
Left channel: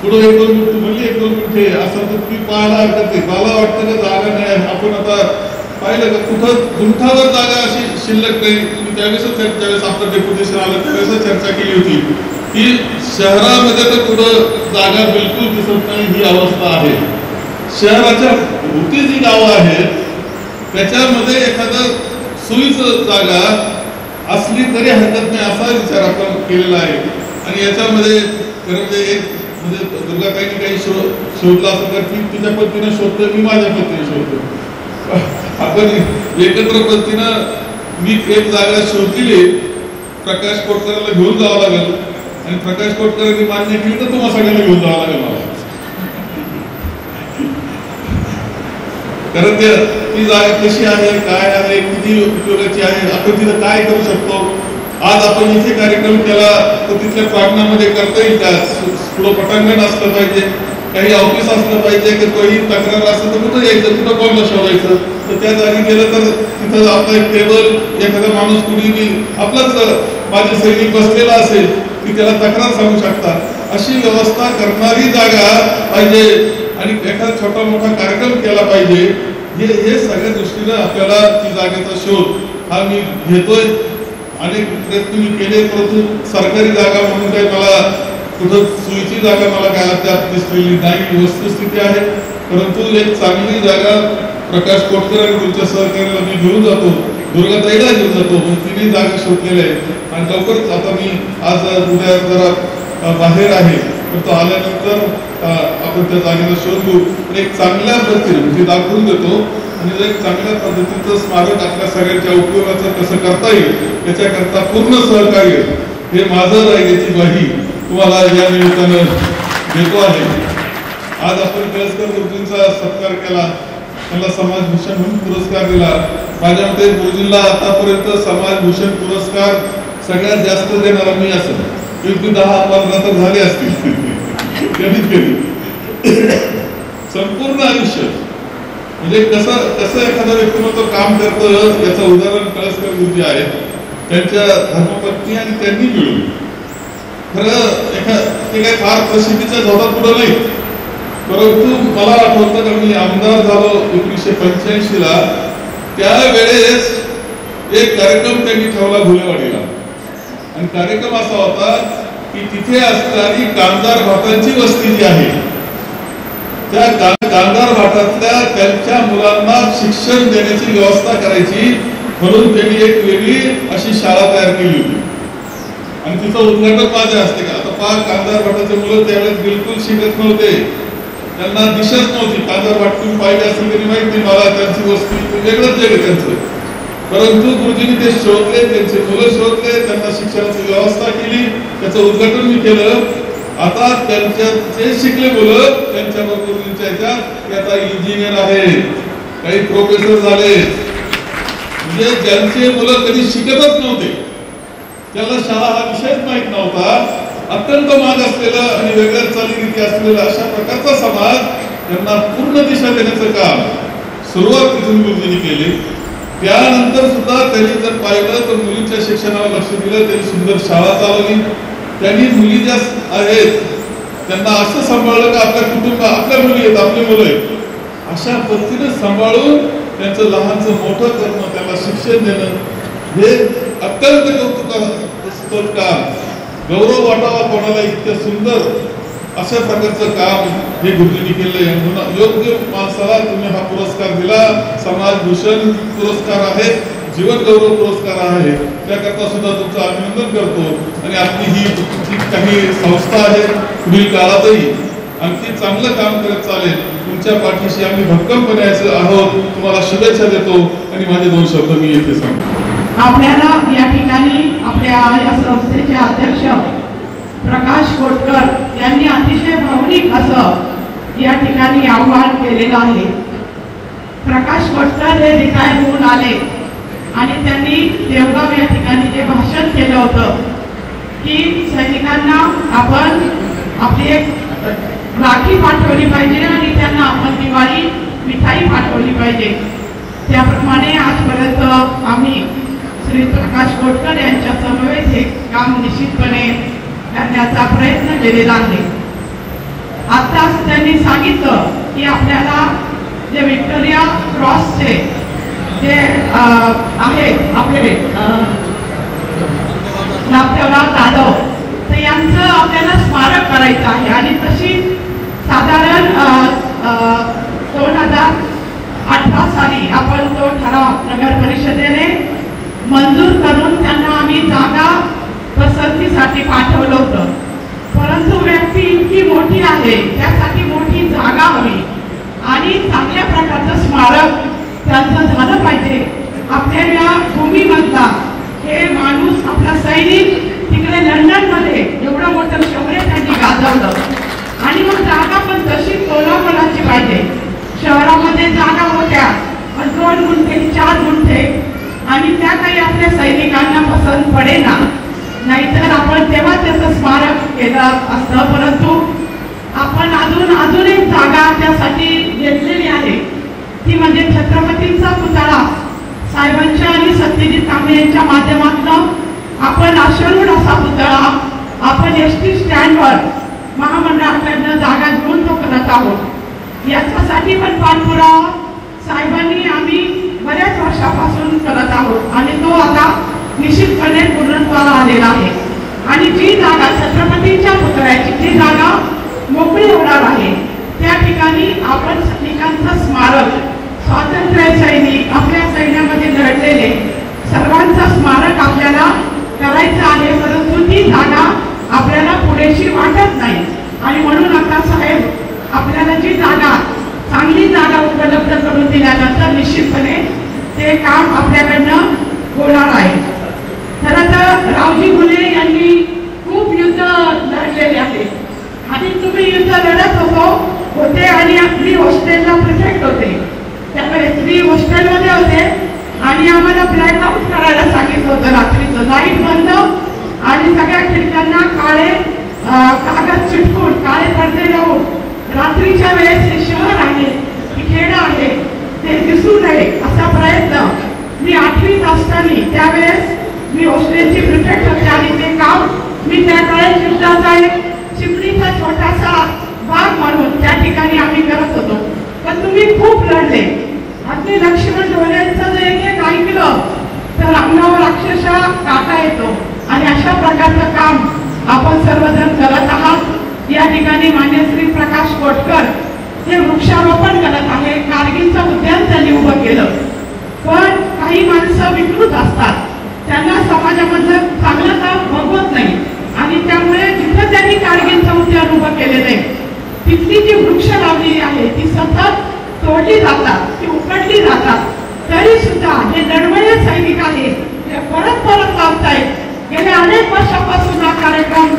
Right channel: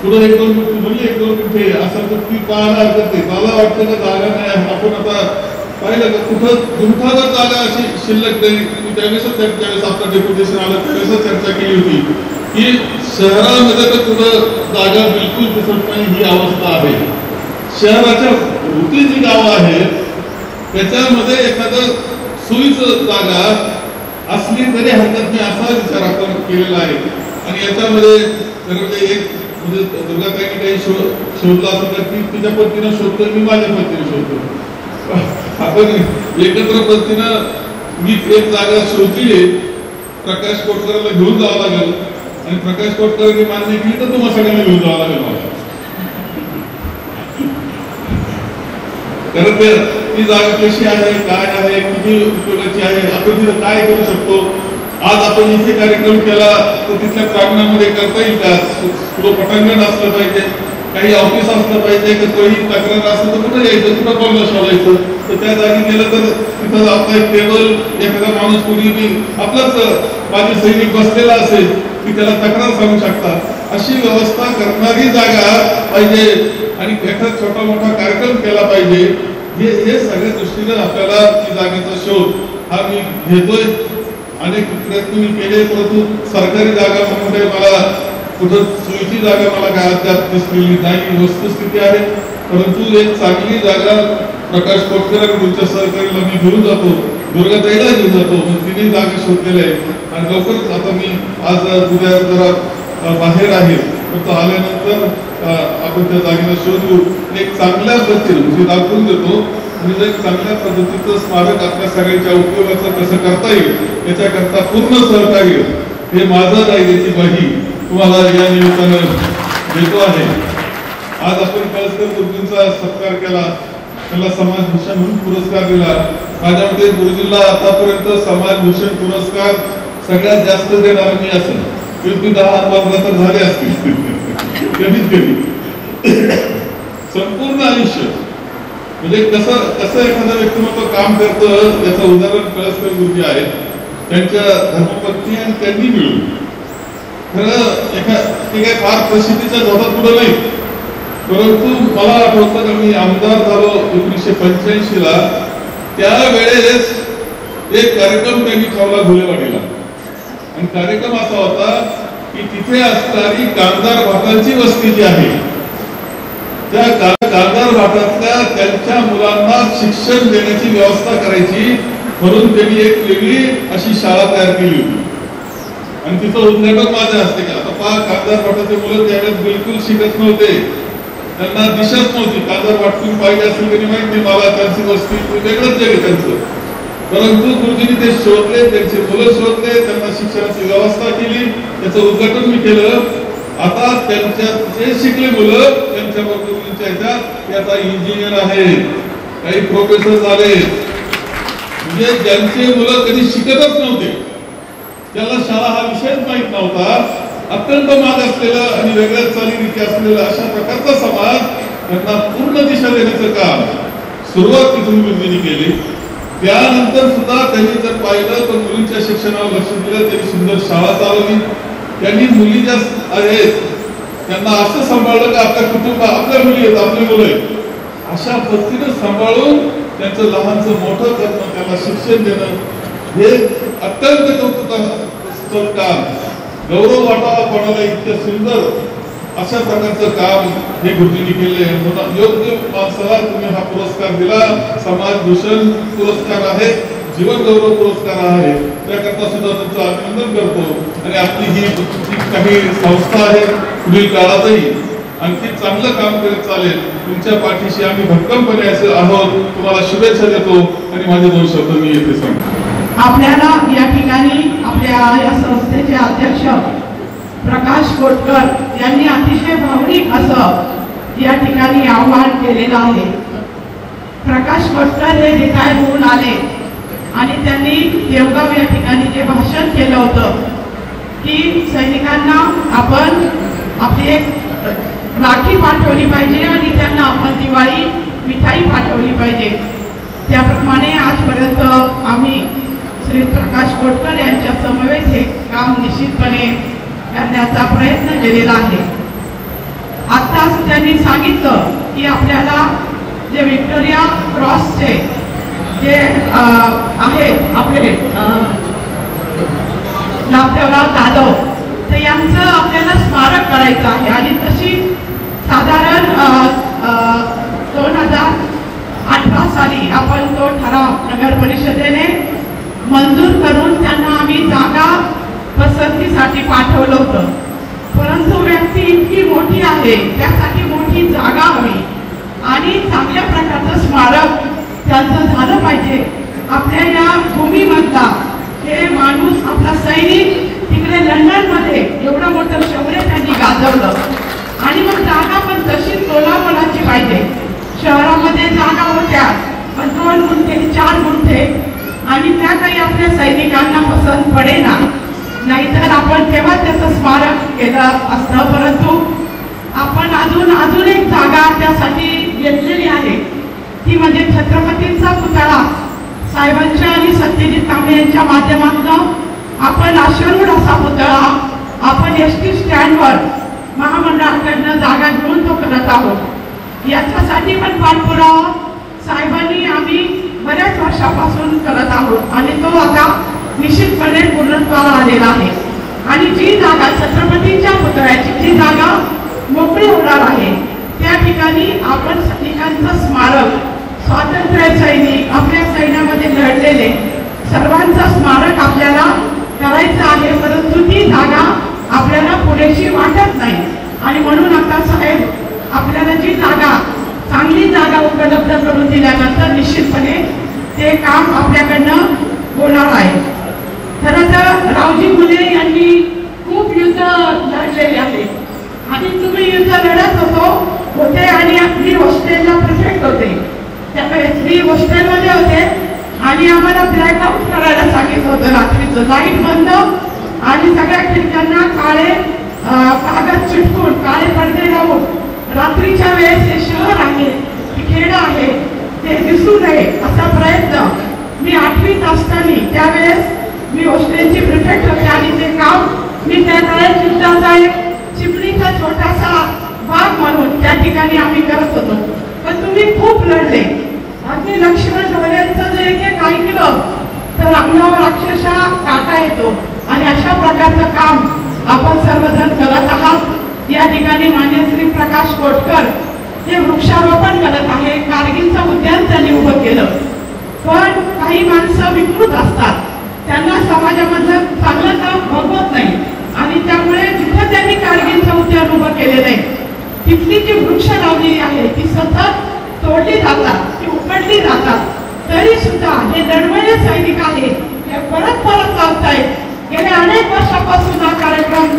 पुढे 1-2 गुंठे म्हणजे 1-2 गुंठे असं तर ती पाहायला हरकत नाही. मला वाटतं का जागा नाही. आपण आता पाहिलं का कुठं गुंठावर जागा अशी शिल्लक नाही. तुम्ही त्यावेळेस आपलं डेप्युटेशन आलं त्यावेळेस चर्चा केली होती की शहरामध्ये तर कुठं जागा बिलकुल दिसत नाही ही अवस्था आहे. शहराच्या भोवती जी गावं आहेत त्याच्यामध्ये एखादं सोयीचं जागा असली तरी हरकत नाही असा विचार आपण केलेला आहे. आणि याच्यामध्ये म्हणजे दुर्गाताईने काही शोधला असं तर ती तुझ्या पद्धतीने शोधतो, मी माझ्या पद्धतीने शोधतो. आपण एकत्र पद्धतीनं मी एक जागा शोधली, प्रकाश कोटकरला घेऊन जावं लागेल आणि प्रकाश कोटकरांनी मान्य केली तर तुम्हाला सगळ्यांना घेऊन जावं लागेल मला. कारण ती जागा कशी आहे, काय आहे, किती उपयोगाची आहे, आपण तिथं काय करू शकतो. आज आपण इथे कार्यक्रम केला तर तिथल्या प्रांगणामध्ये करता येईल का, पुढं पटांगण असलं पाहिजे, काही ऑफिस असलं पाहिजे, की काही तक्रार असलं तर कुठं यायचं, कुठं बोलणं शोधायचं. तर त्या जागी गेलं तर तिथं आपला एक टेबल एखादा माणूस कुणी आपलाच माझे सैनिक बसलेला असेल की त्याला तक्रार सांगू शकतात अशी व्यवस्था करणारी जागा पाहिजे आणि एखादा छोटा मोठा कार्यक्रम केला पाहिजे. हे सगळ्या दृष्टीनं आपल्याला ती जागेचा शोध हा मी घेतोय. अनेक प्रयत्न मी केले परंतु सरकारी जागा म्हणून काही मला कुठं सोयीची जागा मला काय अद्याप दिसलेली नाही. वस्तुस्थिती आहे परंतु एक चांगली जागा प्रकाश कोटकर आणि तुमच्या सहकार्याला मी घेऊन जातो, दुर्गाताईला घेऊन जातो. तिने जागा शोधलेल्या आहे आणि लवकरच आता मी आज उद्या जरा बाहेर आहे तर आल्यानंतर आपण त्या जागेला शोध घेऊ आणि एक चांगल्या पद्धतीने म्हणजे दाखवून देतो आणि एक चांगल्या पद्धतीचं स्मारक आपल्या सगळ्यांच्या उपयोगाचं कसं करता येईल याच्याकरता पूर्ण सहकार्य हे माझं राहिल्याची ग्वाही तुम्हाला या निमित्तानं देतो आहे. आज आपण कळसकर गुरुजींचा सत्कार केला, त्यांना समाजभूषण म्हणून पुरस्कार दिला. माझ्या मते गुरुजींना आतापर्यंत समाजभूषण पुरस्कार सगळ्यात जास्त देणारा मी असेल. 10-15 तर झाले असतील कमीत कमी. संपूर्ण आयुष्य म्हणजे कसं एखादा व्यक्तिमत्व काम करतं याचं उदाहरण कळसकर गुरुजी आहे. त्यांच्या धर्मपत्नी आणि त्यांनी मिळून खरं ते काही फार प्रसिद्धीचा जोडा पुढे नाही, परंतु मला आठवतं की मी आमदार झालो 1985 ला. त्यावेळेस एक कार्यक्रम त्यांनी ठेवला धुळेवाडीला आणि कार्यक्रम असा होता की तिथे असणारी कामदार भाटांची वस्ती जी आहे त्या कामगार भाटातल्या त्यांच्या मुलांना शिक्षण देण्याची व्यवस्था करायची म्हणून त्यांनी एक वेगळी अशी शाळा तयार केली होती. आणि तिचं उद्घाटन माझ्या हस्ते केलं. आता पहा, कामगार भाटाचे मुलं त्यावेळेस बिलकुल शिकत नव्हते, त्यांना दिशत नव्हती. कामगार भाट तुम्ही पाहिजे असेल तरी माहिती मला त्यांची वस्ती वेगळंच वेगळं त्यांचं. परंतु गुरुजींनी ते शोधले, त्यांचे मुलं शोधले, त्यांना शिक्षणाची व्यवस्था केली, त्याचं उद्घाटन मी केलं. आता त्यांच्या जे शिकले मुलं त्यांच्या बरोबर आता इंजिनियर आहे, काही प्रोफेसर झाले. म्हणजे ज्यांचे मुलं कधी शिकतच नव्हते, त्याला शाळा हा विषयच माहित नव्हता, अत्यंत माग असलेलं आणि वेगळ्या चालीरीती असलेला अशा प्रकारचा समाज त्यांना पूर्ण दिशा देण्याचं काम सुरुवात तिथून गुरुजींनी केली. त्यानंतर सुद्धा त्यांनी जर पाहिलं तर मुलींच्या शिक्षणावर लक्ष दिलं, त्यांनी सुंदर शाळा चालवली. त्यांनी मुली ज्या आहेत त्यांना असं सांभाळलं की आपल्या कुटुंब आपल्या मुली आहेत, आपली मुलं आहेत, अशा पद्धतीने सांभाळून त्यांचं लहानचं मोठं करणं, त्यांना शिक्षण देणं हे अत्यंत कौतुकास्पद काम. गौरव वाटावा पडायला इतकं सुंदर अशा प्रकारचं काम हे गुरुजींनी केले. म्हणून योग्य माणसाला तुम्ही हा पुरस्कार दिला. समाजभूषण पुरस्कार आहे, जीवन गौरव पुरस्कार आहे, त्याकरता सुद्धा तुमचं अभिनंदन करतो. आणि आपली ही काही संस्था आहे पुढील काळातही आणखी चांगलं काम करत चालेल. तुमच्या पाठीशी आम्ही भक्कमपणे असे आहोत. तुम्हाला शुभेच्छा देतो आणि माझे 2 शब्द मी येथे सांगतो. आपल्याला या ठिकाणी आपल्या या संस्थेचे अध्यक्ष प्रकाश कोटकर यांनी अतिशय भावनिक असं या ठिकाणी आव्हान केलेलं आहे. प्रकाश कोटकर हे रिटायर होऊन आले आणि त्यांनी देवगाव या ठिकाणी जे भाषण केलं होतं की सैनिकांना आपण आपली एक राखी पाठवली पाहिजे आणि त्यांना आपण दिवाळी मिठाई पाठवली पाहिजे. त्याप्रमाणे आजपर्यंत आम्ही श्री प्रकाश कोटकर यांच्या समवेत हे काम निश्चितपणे करण्याचा प्रयत्न केलेला आहे. आताच त्यांनी सांगितलं की आपल्याला जे व्हिक्टोरिया क्रॉसचे जे आहेत आपले नाथदेवराव जाधव, तर यांचं आपल्याला स्मारक करायचं आहे. आणि तशी साधारण 2018 साली आपण तो ठराव नगर परिषदेने मंजूर करून त्यांना आम्ही जागा पसंतीसाठी पाठवलं होतं. परंतु व्यक्ती इतकी मोठी आहे, त्यासाठी मोठी जागा हवी आणि चांगल्या प्रकारचं स्मारक त्यांचं झालं पाहिजे. आपल्या या भूमीमधला हे माणूस आपला सैनिक तिकडे लंडनमध्ये एवढं मोठं शौर्य त्यांनी गाजवलं आणि मग जागा पण तशी कोल्हापुराची पाहिजे. शहरामध्ये जागा मोठ्या पण 2 गुंठे 4 गुंठे आणि त्या काही आपल्या सैनिकांना पसंत पडेना. नाहीतर आपण तेव्हा त्याचं स्मारक केलं असतं. परंतु आपण अजून एक जागा त्यासाठी घेतलेली आहे, ती म्हणजे छत्रपतींचा पुतळा साहेबांच्या आणि सत्यजित कांबळे यांच्या माध्यमातून आपण अश्वरूढ असा पुतळा आपण एसटी स्टँडवर महामंडळाकडनं जागा घेऊन तो करत आहोत. याच्यासाठी पण पाठपुरावा साहेबांनी आम्ही बऱ्याच वर्षापासून करत आहोत आणि तो आता निश्चितपणे पूर्णत्वाला आलेला आहे. आणि जी जागा छत्रपतींच्या पुतळ्याची जी जागा मोकळी होणार आहे त्या ठिकाणी आपण सैनिकांचं स्मारक, स्वातंत्र्य सैनिक, आपल्या सैन्यामध्ये लढलेले सर्वांचं स्मारक आपल्याला करायचं आहे. परंतु ती जागा आपल्याला पुरेशी वाटत नाही आणि म्हणून आता साहेब आपल्याला जी जागा चांगली जागा उपलब्ध करून दिल्यानंतर निश्चितपणे ते काम आपल्याकडनं होणार आहे. खरं तर रावजी फुले यांनी खूप युद्ध लढलेले आहेत आणि तुम्ही युद्ध लढत होते आणि आपली हॉस्टेलला प्रोजेक्ट होते. त्यामुळे फ्री हॉस्टेलमध्ये होते आणि आम्हाला ब्लॅकआउट करायला सांगितलं होतं. रात्रीचं लाईट बंद आणि सगळ्या खिडक्यांना काळे कागद चिटकून काळे पडदे लावून रात्रीच्या वेळेस हे शहर आहे, खेड आहे, ते दिसू नये असा प्रयत्न मी 8वीत असताना, त्यावेळेस मी हॉस्टेलची प्रिफेक्ट होते आणि ते काम मी त्या काळात युद्धाचा एक चिमणीचा छोटासा भाग म्हणून त्या ठिकाणी आम्ही करत होतो. पण तुम्ही खूप लढले. अगदी लक्ष्मण ढोलेंचं जर एक ऐकलं तर अंगावर अक्षरशः काटा येतो. आणि अशा प्रकारचं काम आपण सर्वजण करत आहात. या ठिकाणी मान्य श्री प्रकाश कोटकर हे वृक्षारोपण करत आहे. कारगिलचं उद्यान त्यांनी उभं केलं. पण काही माणसं विकृत असतात, त्यांना समाजामधलं चांगलं काम बघवत नाही आणि त्यामुळे जिथं त्यांनी कारगिलचं उद्यान उभं केलेलं आहे तिथली जी वृक्ष लावलेली आहे ती सतत तोडली जातात, ती उपटली जातात. तरी सुद्धा हे दडवणे सैनिक आहे हे परत लावतायत. गेल्या अनेक वर्षापासून हा कार्यक्रम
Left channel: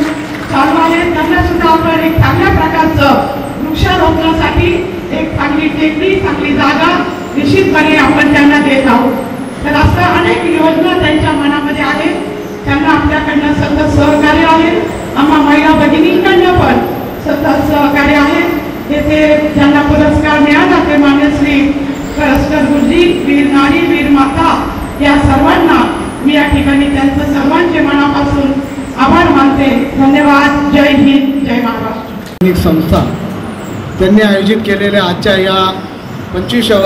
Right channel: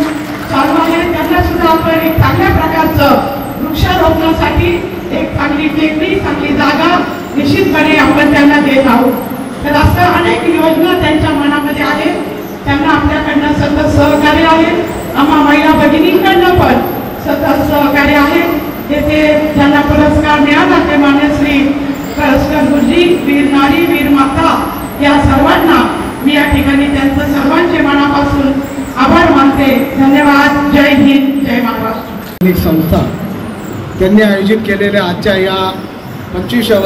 चालू आहे. त्यांना सुद्धा आपण एक चांगल्या प्रकारचं वृक्षारोपणासाठी एक चांगली टेकडी, चांगली जागा निश्चितपणे आपण त्यांना देत आहोत. तर असं अनेक योजना त्यांच्या मनामध्ये आहे. त्यांना आपल्याकडनं सतत सहकार्य आहे. आम्हा महिला भगिनींकडनं पण सतत सहकार्य आहे. येथे ज्यांना पुरस्कार मिळाला ते मान्य श्री परस्पर गुरुजी, वीर नारी, वीर माता या सर्वांना मी या ठिकाणी त्यांचं सर्वांचे मनापासून आभार मानते. धन्यवाद. जय हिंद, जय महाराष्ट्र. संस्था त्यांनी आयोजित केलेल्या आजच्या या 25व्या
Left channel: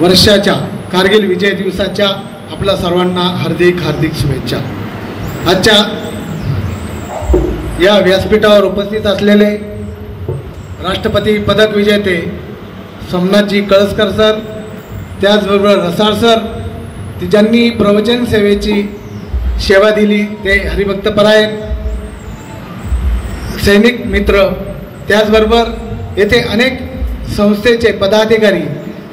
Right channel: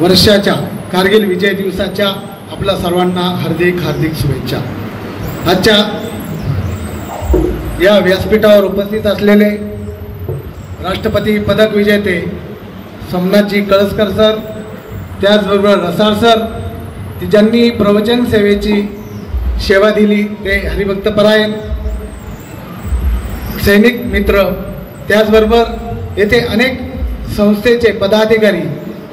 वर्षाच्या कारगिल विजय दिवसाच्या आपल्या सर्वांना हार्दिक हार्दिक शुभेच्छा. आजच्या या व्यासपीठावर उपस्थित असलेले राष्ट्रपती पदक विजेते सोमनाथजी कळसकर सर, त्याचबरोबर रसाळ सर, ज्यांनी प्रवचन सेवेची सेवा दिली, ते हरिभक्तपरायण सैनिक मित्र, त्याचबरोबर येथे अनेक संस्थेचे पदाधिकारी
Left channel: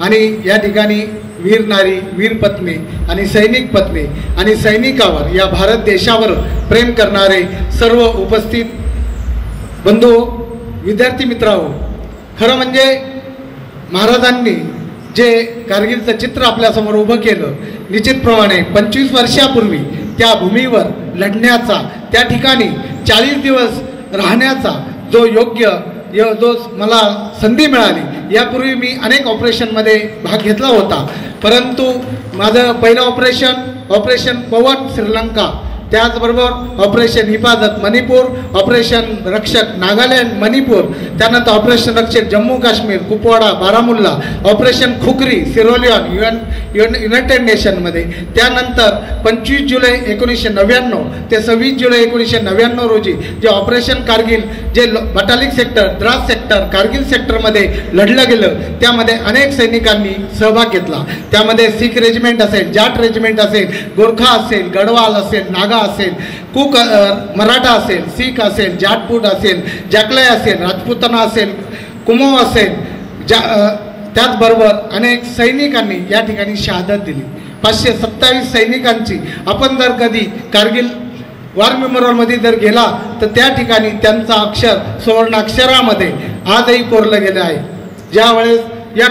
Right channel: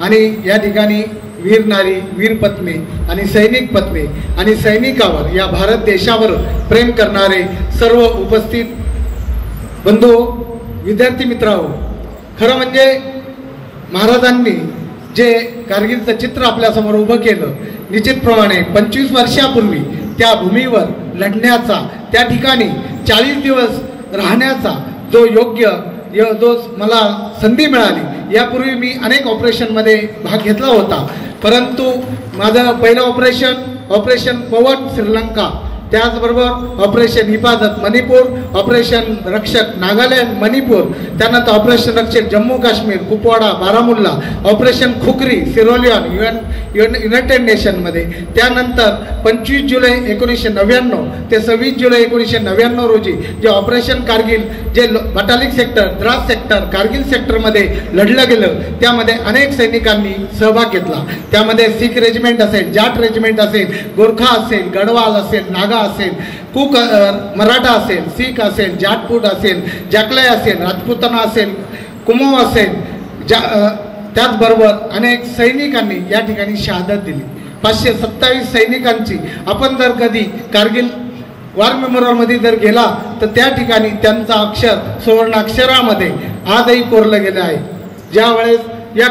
आणि या ठिकाणी वीर नारी, वीर पत्नी आणि सैनिक पत्नी आणि सैनिकावर, या भारत देशावर प्रेम करणारे सर्व उपस्थित बंधू, विद्यार्थी मित्रांनो, खरं म्हणजे महाराजांनी जे कारगिलचं चित्र आपल्यासमोर उभं केलं, निश्चितप्रमाणे 25 वर्षापूर्वी त्या भूमीवर लढण्याचा, त्या ठिकाणी 40 दिवस राहण्याचा जो जो मला संधी मिळाली. यापूर्वी मी अनेक ऑपरेशनमध्ये भाग घेतला होता, परंतु माझं पहिलं ऑपरेशन पवन श्रीलंका, त्याचबरोबर ऑपरेशन हिफाजत मणिपूर, ऑपरेशन रक्षक नागालँड मणिपूर, त्यानंतर ऑपरेशन रक्षक जम्मू काश्मीर कुपवाडा बारामुल्ला, ऑपरेशन खुकरी सिरोलियन युनायटेड नेशनमध्ये, त्यानंतर 25 जुलै 1999 ते 26 जुलै 1999 रोजी जे ऑपरेशन कारगिल, जे बटालिक सेक्टर, द्रास सेक्टर, कारगिल सेक्टरमध्ये लढलं गेलं, त्यामध्ये अनेक सैनिकांनी सहभाग घेतला. त्यामध्ये सिख रेजिमेंट असेल, जाट रेजिमेंट असेल, गोरखा असेल, गढवाल असेल, नागा असेल, कुक मराठा असेल, सीख असेल, जाटपूट असेल, जाकलाय असेल, राजपुताना असेल, कुमो असेल, त्याचबरोबर अनेक सैनिकांनी या ठिकाणी शहादत दिली. 527 सैनिकांची, आपण जर कधी कारगिल वॉर मेमोरियलमध्ये जर गेला तर त्या ठिकाणी त्यांचा अक्षर सुवर्णाक्षरामध्ये आजही कोरलं गेले आहे. ज्यावेळेस या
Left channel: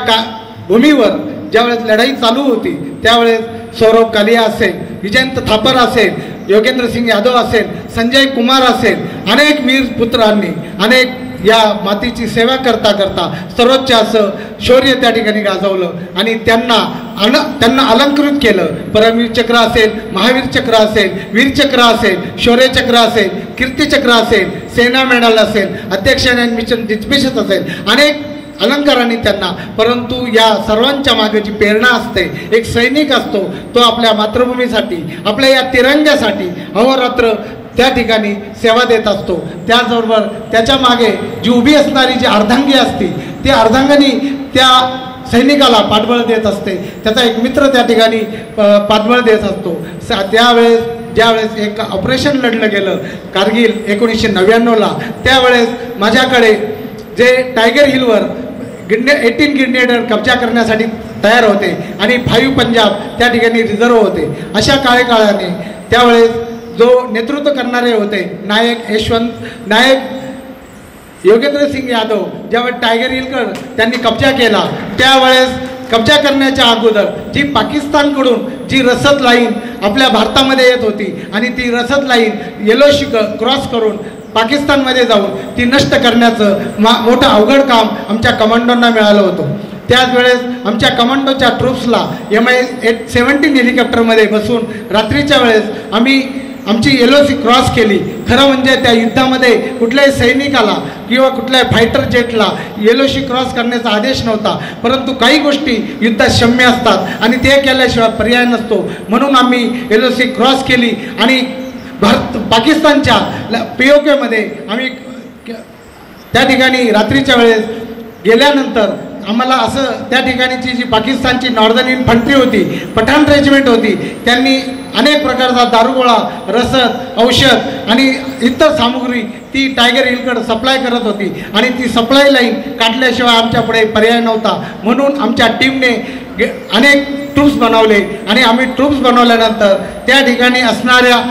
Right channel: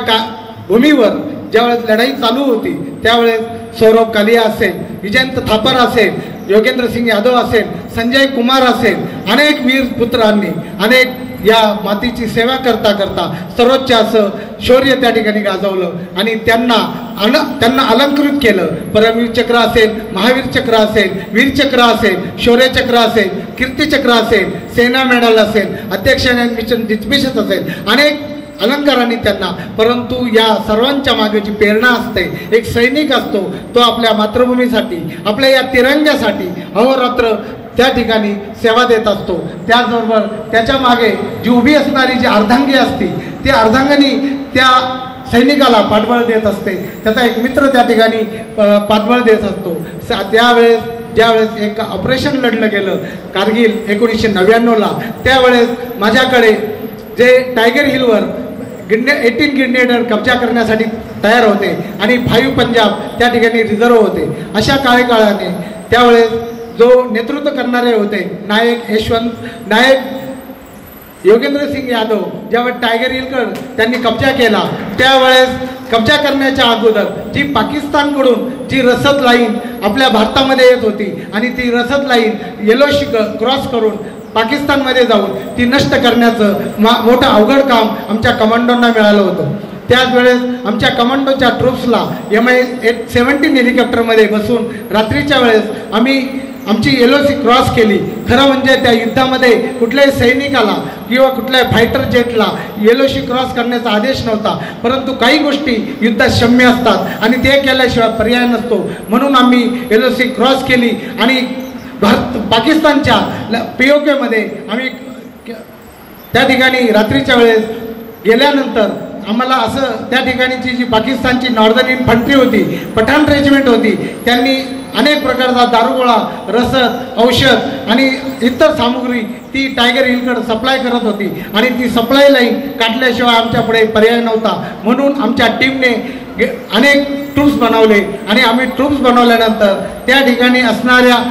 भूमीवर ज्यावेळेस लढाई चालू होती त्यावेळेस सौरभ कालिया असेल, विजयंत थापर असेल, योगेंद्र सिंग यादव असेल, संजय कुमार असेल, अनेक वीर पुत्रांनी अनेक या मातीची सेवा करता करता सर्वोच्च असं शौर्य त्या ठिकाणी गाजवलं आणि त्यांना अलंकृत केलं. परमवीर चक्र असेल, महावीर चक्र असेल, वीरचक्र असेल, शौर्य चक्र असेल, कीर्तिचक्र असेल, सेना मेडल असेल, अध्यक्ष मिशन डिस्मिशन असेल, अनेक अलंकारांनी त्यांना, परंतु या सर्वांच्या मागे जी प्रेरणा असते, एक सैनिक असतो तो आपल्या मातृभूमीसाठी, आपल्या या तिरंग्यासाठी अहोरात्र त्या ठिकाणी सेवा देत असतो. त्याचबरोबर त्याच्या मागे जी उभी असणारी जी अर्धांगी असते, ती अर्धांगिनी त्या सैनिकाला पाठबळ देत असते. त्याचा एक मित्र त्या ठिकाणी पाठबळ देत असतो. ज्यावेळेस एक ऑपरेशन लढलं गेलं कारगिल 1999ला, त्यावेळेस माझ्याकडे जे टायगर हिलवर 18 ग्रेनेडर कब्जा करण्यासाठी तयार होते आणि 5 पंजाब त्या ठिकाणी रिझर्व्ह होते. अशा काळाने त्यावेळेस जो नेतृत्व करणारे होते नायक योगेंद्र सिंग यादव, ज्यावेळेस टायगर हिलवर त्यांनी कब्जा केला, त्यावेळेस कब्जा करण्याच्या अगोदर जी पाकिस्तानकडून जी रसद लाईन आपल्या भारतामध्ये येत होती आणि ती रसद लाईन येलो क्रॉस करून पाकिस्तानमध्ये जाऊन ती नष्ट करण्याचं मोठं अवघड काम आमच्या कमांडोंना मिळालं होतं. त्याच वेळेस आमच्या कमांडोच्या ट्रूप्सला MI-17 हेलिकॉप्टरमध्ये बसून रात्रीच्या वेळेस आम्ही आमची LOC क्रॉस केली. खरं म्हणजे त्या युद्धामध्ये कुठल्याही सैनिकाला किंवा कुठल्याही फायटर जेटला LOC क्रॉस करण्याचा आदेश नव्हता, परंतु काही गोष्टी युद्धात क्षम्य असतात आणि ते केल्याशिवाय पर्याय नसतो. म्हणून आम्ही LOC क्रॉस केली आणि पाकिस्तानच्या POK मध्ये आम्ही त्या ठिकाणी रात्रीच्या वेळेस गेल्यानंतर आम्हाला असं त्या ठिकाणीची जी पाकिस्तानची नॉर्दर्न इन्फंट्री होती, पठाण रेजिमेंट होती, त्यांनी अनेक प्रकारचा दारुगोळा, रसद, औषध आणि इतर सामुग्री ती टायगर हिलकडे सप्लाय करत होती आणि ती सप्लाय लाईन काढल्याशिवाय आमच्याकडे पर्याय नव्हता. म्हणून आमच्या टीमने अनेक ट्रूप्स बनवले आणि आम्ही ट्रूप्स बनवल्यानंतर त्या ठिकाणी असणाऱ्या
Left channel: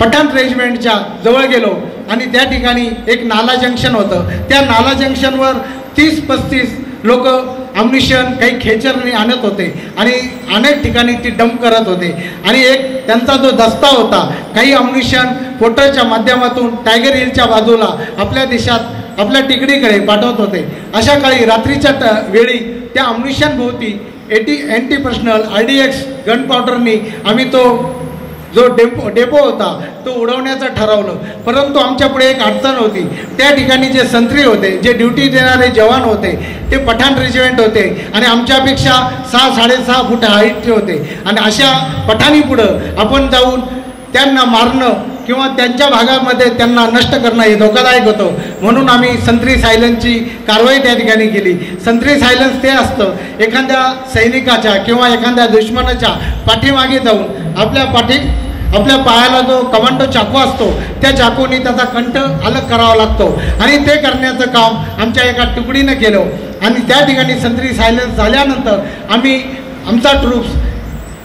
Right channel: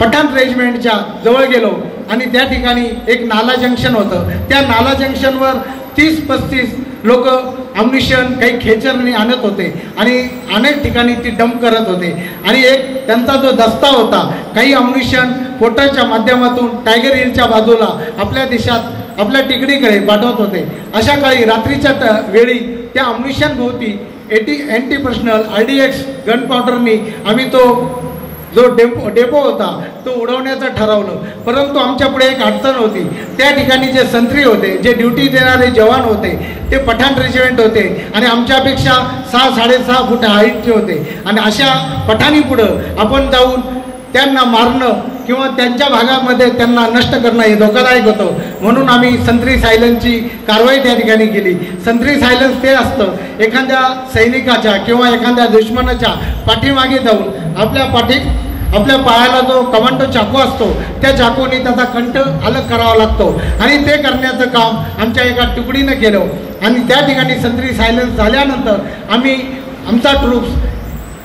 पठाण रेजिमेंटच्या जवळ गेलो आणि त्या ठिकाणी एक नाला जंक्शन होतं. त्या नाला जंक्शनवर 30-35 लोक अम्युनिशन काही खेचरने आणत होते आणि अनेक ठिकाणी ती डंप करत होते आणि एक त्यांचा जो दस्ता होता काही अम्युनिशन पोर्टरच्या माध्यमातून टायगर हिलच्या बाजूला आपल्या देशात आपल्या तिकडीकडे पाठवत होते. अशा काळी रात्रीच्या वेळी त्या अम्युनिशन भोवती अँटी पर्सनल RDX गन पावडरनी आम्ही तो जो डेपो होता तो उडवण्याचं ठरवलं. परंतु आमच्या पुढे एक अडचण होती. त्या ठिकाणी जे संत्री होते, जे ड्युटी देणारे जवान होते, ते पठाण रेजिमेंट होते आणि आमच्यापेक्षा 6-6.5 फूट हाईटचे होते आणि अशा पठाणी पुढं आपण जाऊन त्यांना मारणं किंवा त्यांच्या भागामध्ये त्यांना नष्ट करणं हे धोकादायक होतं. म्हणून आम्ही संत्री सायलेन्सची कारवाई त्या ठिकाणी केली. संत्री सायलेन्स ते असतं, एखाद्या सैनिकाच्या किंवा एखाद्या दुश्मनाच्या पाठीमागे जाऊन आपल्या पायाला जो कमांडो चाकू असतो त्या चाकूने त्याचा कंठ अलग करावा लागतो आणि ते करण्याचं काम आमच्या एका तुकडीनं केलं आणि त्या ठिकाणी संत्री सायलेन्स झाल्यानंतर आमचा ट्रूप्स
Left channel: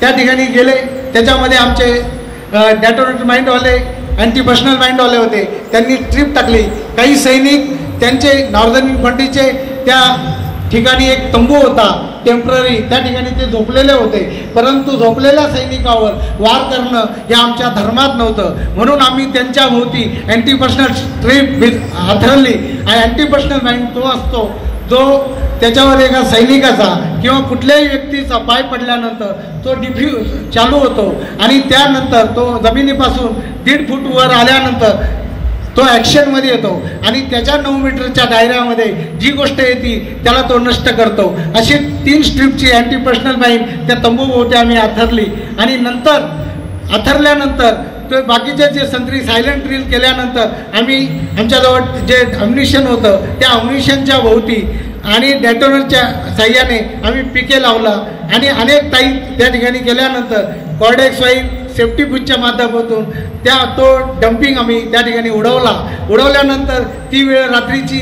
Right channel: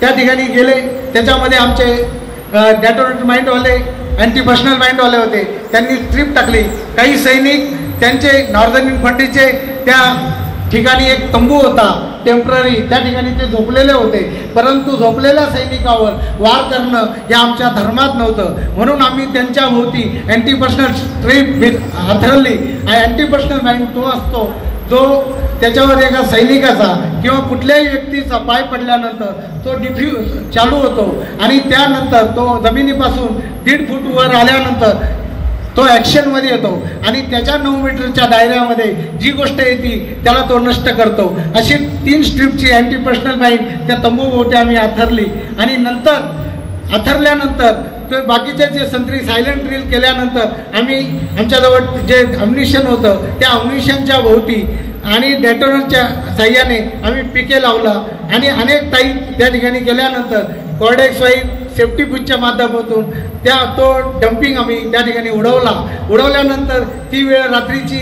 त्या ठिकाणी गेले. त्याच्यामध्ये आमचे डेटोनेट माइंडवाले, अँटी पर्सनल माइंडवाले होते, त्यांनी ट्रिप टाकली. काही सैनिक त्यांचे नॉर्दर्न इन्फंट्रीचे त्या ठिकाणी एक तंबू होता टेम्पररी, त्या ठिकाणी ते झोपलेले होते. परंतु झोपलेल्या सैनिकावर वार करणं हे आमच्या धर्मात नव्हतं. म्हणून आम्ही त्यांच्या भोवती अँटी पर्सनल ट्रिप हातरली आणि अँटी पर्सनल माइंड तो असतो जो त्याच्यावर एका सैनिकाचा किंवा कुठल्याही व्यक्तीचा पाय पडल्यानंतर तो डिफ्यूज चालू होतो आणि त्यानंतर तो जमिनीपासून 1.5 फूट वर आल्यानंतर तो ॲक्शनमध्ये येतो आणि त्याच्या 9 मीटरच्या दायऱ्यामध्ये जी गोष्ट येते त्याला तो नष्ट करतो. अशी 3 स्ट्रिपची अँटी पर्सनल माइंड त्या तंबूभोवती आम्ही आथरली आणि आथरल्यानंतर ते बाकीचे जे संत्री सायलेंट ड्रिल केल्यानंतर आम्ही आमच्याजवळ जे अम्युनिशन होतं त्या अम्युनिशनच्या भोवती आणि डेटोनरच्या साह्याने आम्ही पिके लावला आणि अनेक टाईम त्या ठिकाणी केल्यानंतर कॉर्डेक्स वाईफ सेफ्टी बुथच्या माध्यमातून तो डम्पिंग आम्ही त्या ठिकाणी उडवल्यानंतर ती वेळ रात्रीची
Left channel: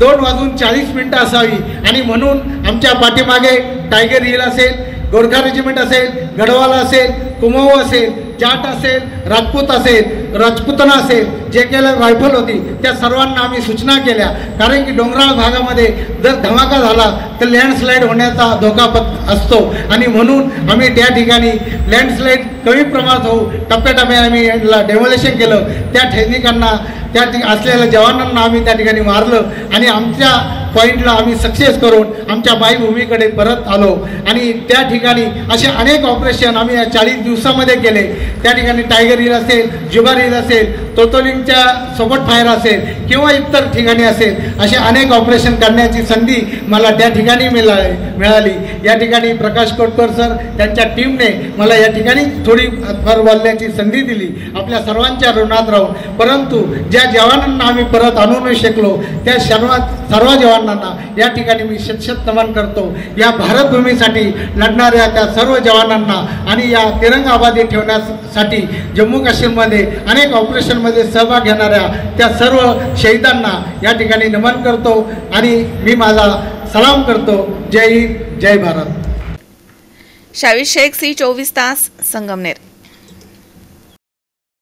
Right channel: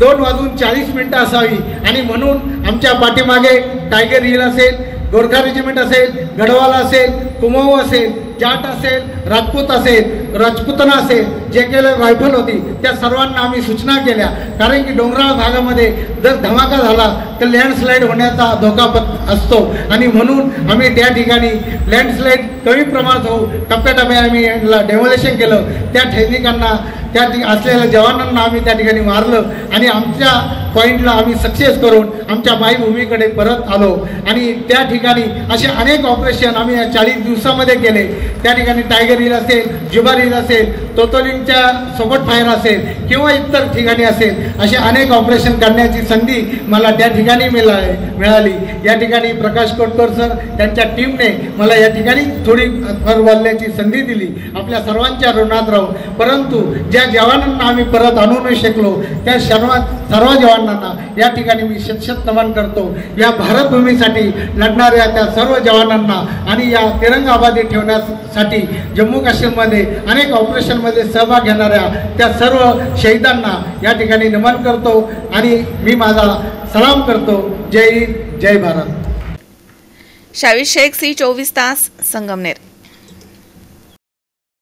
2:40 असावी आणि म्हणून आमच्या पाठीमागे टायगर हिल असेल, गोरखा रेजिमेंट असेल, गढवाल असेल, कुमाऊ असेल, जाट असेल, राजपूत असेल, राजपुतना असेल, जे केले रायफल होती त्या सर्वांना आम्ही सूचना केल्या. कारण की डोंगराळ भागामध्ये जर धमाका झाला तर लँडस्लाईड होण्याचा धोका असतो आणि म्हणून आम्ही त्या ठिकाणी लँडस्लाईड कमी प्रमाणात होऊ टप्प्याटप्प्याने आम्ही याला डेमोलेशन केलं. त्या सैनिकांना त्या असलेल्या जवानांना आम्ही त्या ठिकाणी मारलं आणि आमच्या पॉईंटला आम्ही सक्सेस करून आमच्या मायभूमीकडे परत आलो आणि त्या ठिकाणी असे अनेक ऑपरेशन आम्ही या 40 दिवसामध्ये केले. त्या ठिकाणी टायगर हिल असेल, जुबार हिल असेल, तोतोलिंगच्या सोबत फायर असेल किंवा इतर ठिकाणी असेल, असे अनेक ऑपरेशन करण्याची संधी मला त्या ठिकाणी मिळाली. या ठिकाणी प्रकाश कोटकर सर त्यांच्या टीमने मला या ठिकाणी थोडी बोलण्याची संधी दिली आपल्या सर्वांच्या ऋणात राहून. परंतु ज्या जवानांना आम्ही परत आणू नाही शकलो त्या सर्व जवानांना या ठिकाणी मी शतशत नमन करतो. या भारतभूमीसाठी लढणाऱ्या त्या सर्व जवानांना आणि या तिरंगाबादी ठेवण्यासाठी जम्मू काश्मीरमध्ये अनेक ऑपरेशनमध्ये सहभाग घेणाऱ्या त्या सर्व शहीदांना या ठिकाणी नमन करतो आणि मी माझा सलाम करतो. जय हिंद, जय भारत. शावीर शेख, C24 तास, संगमनेर.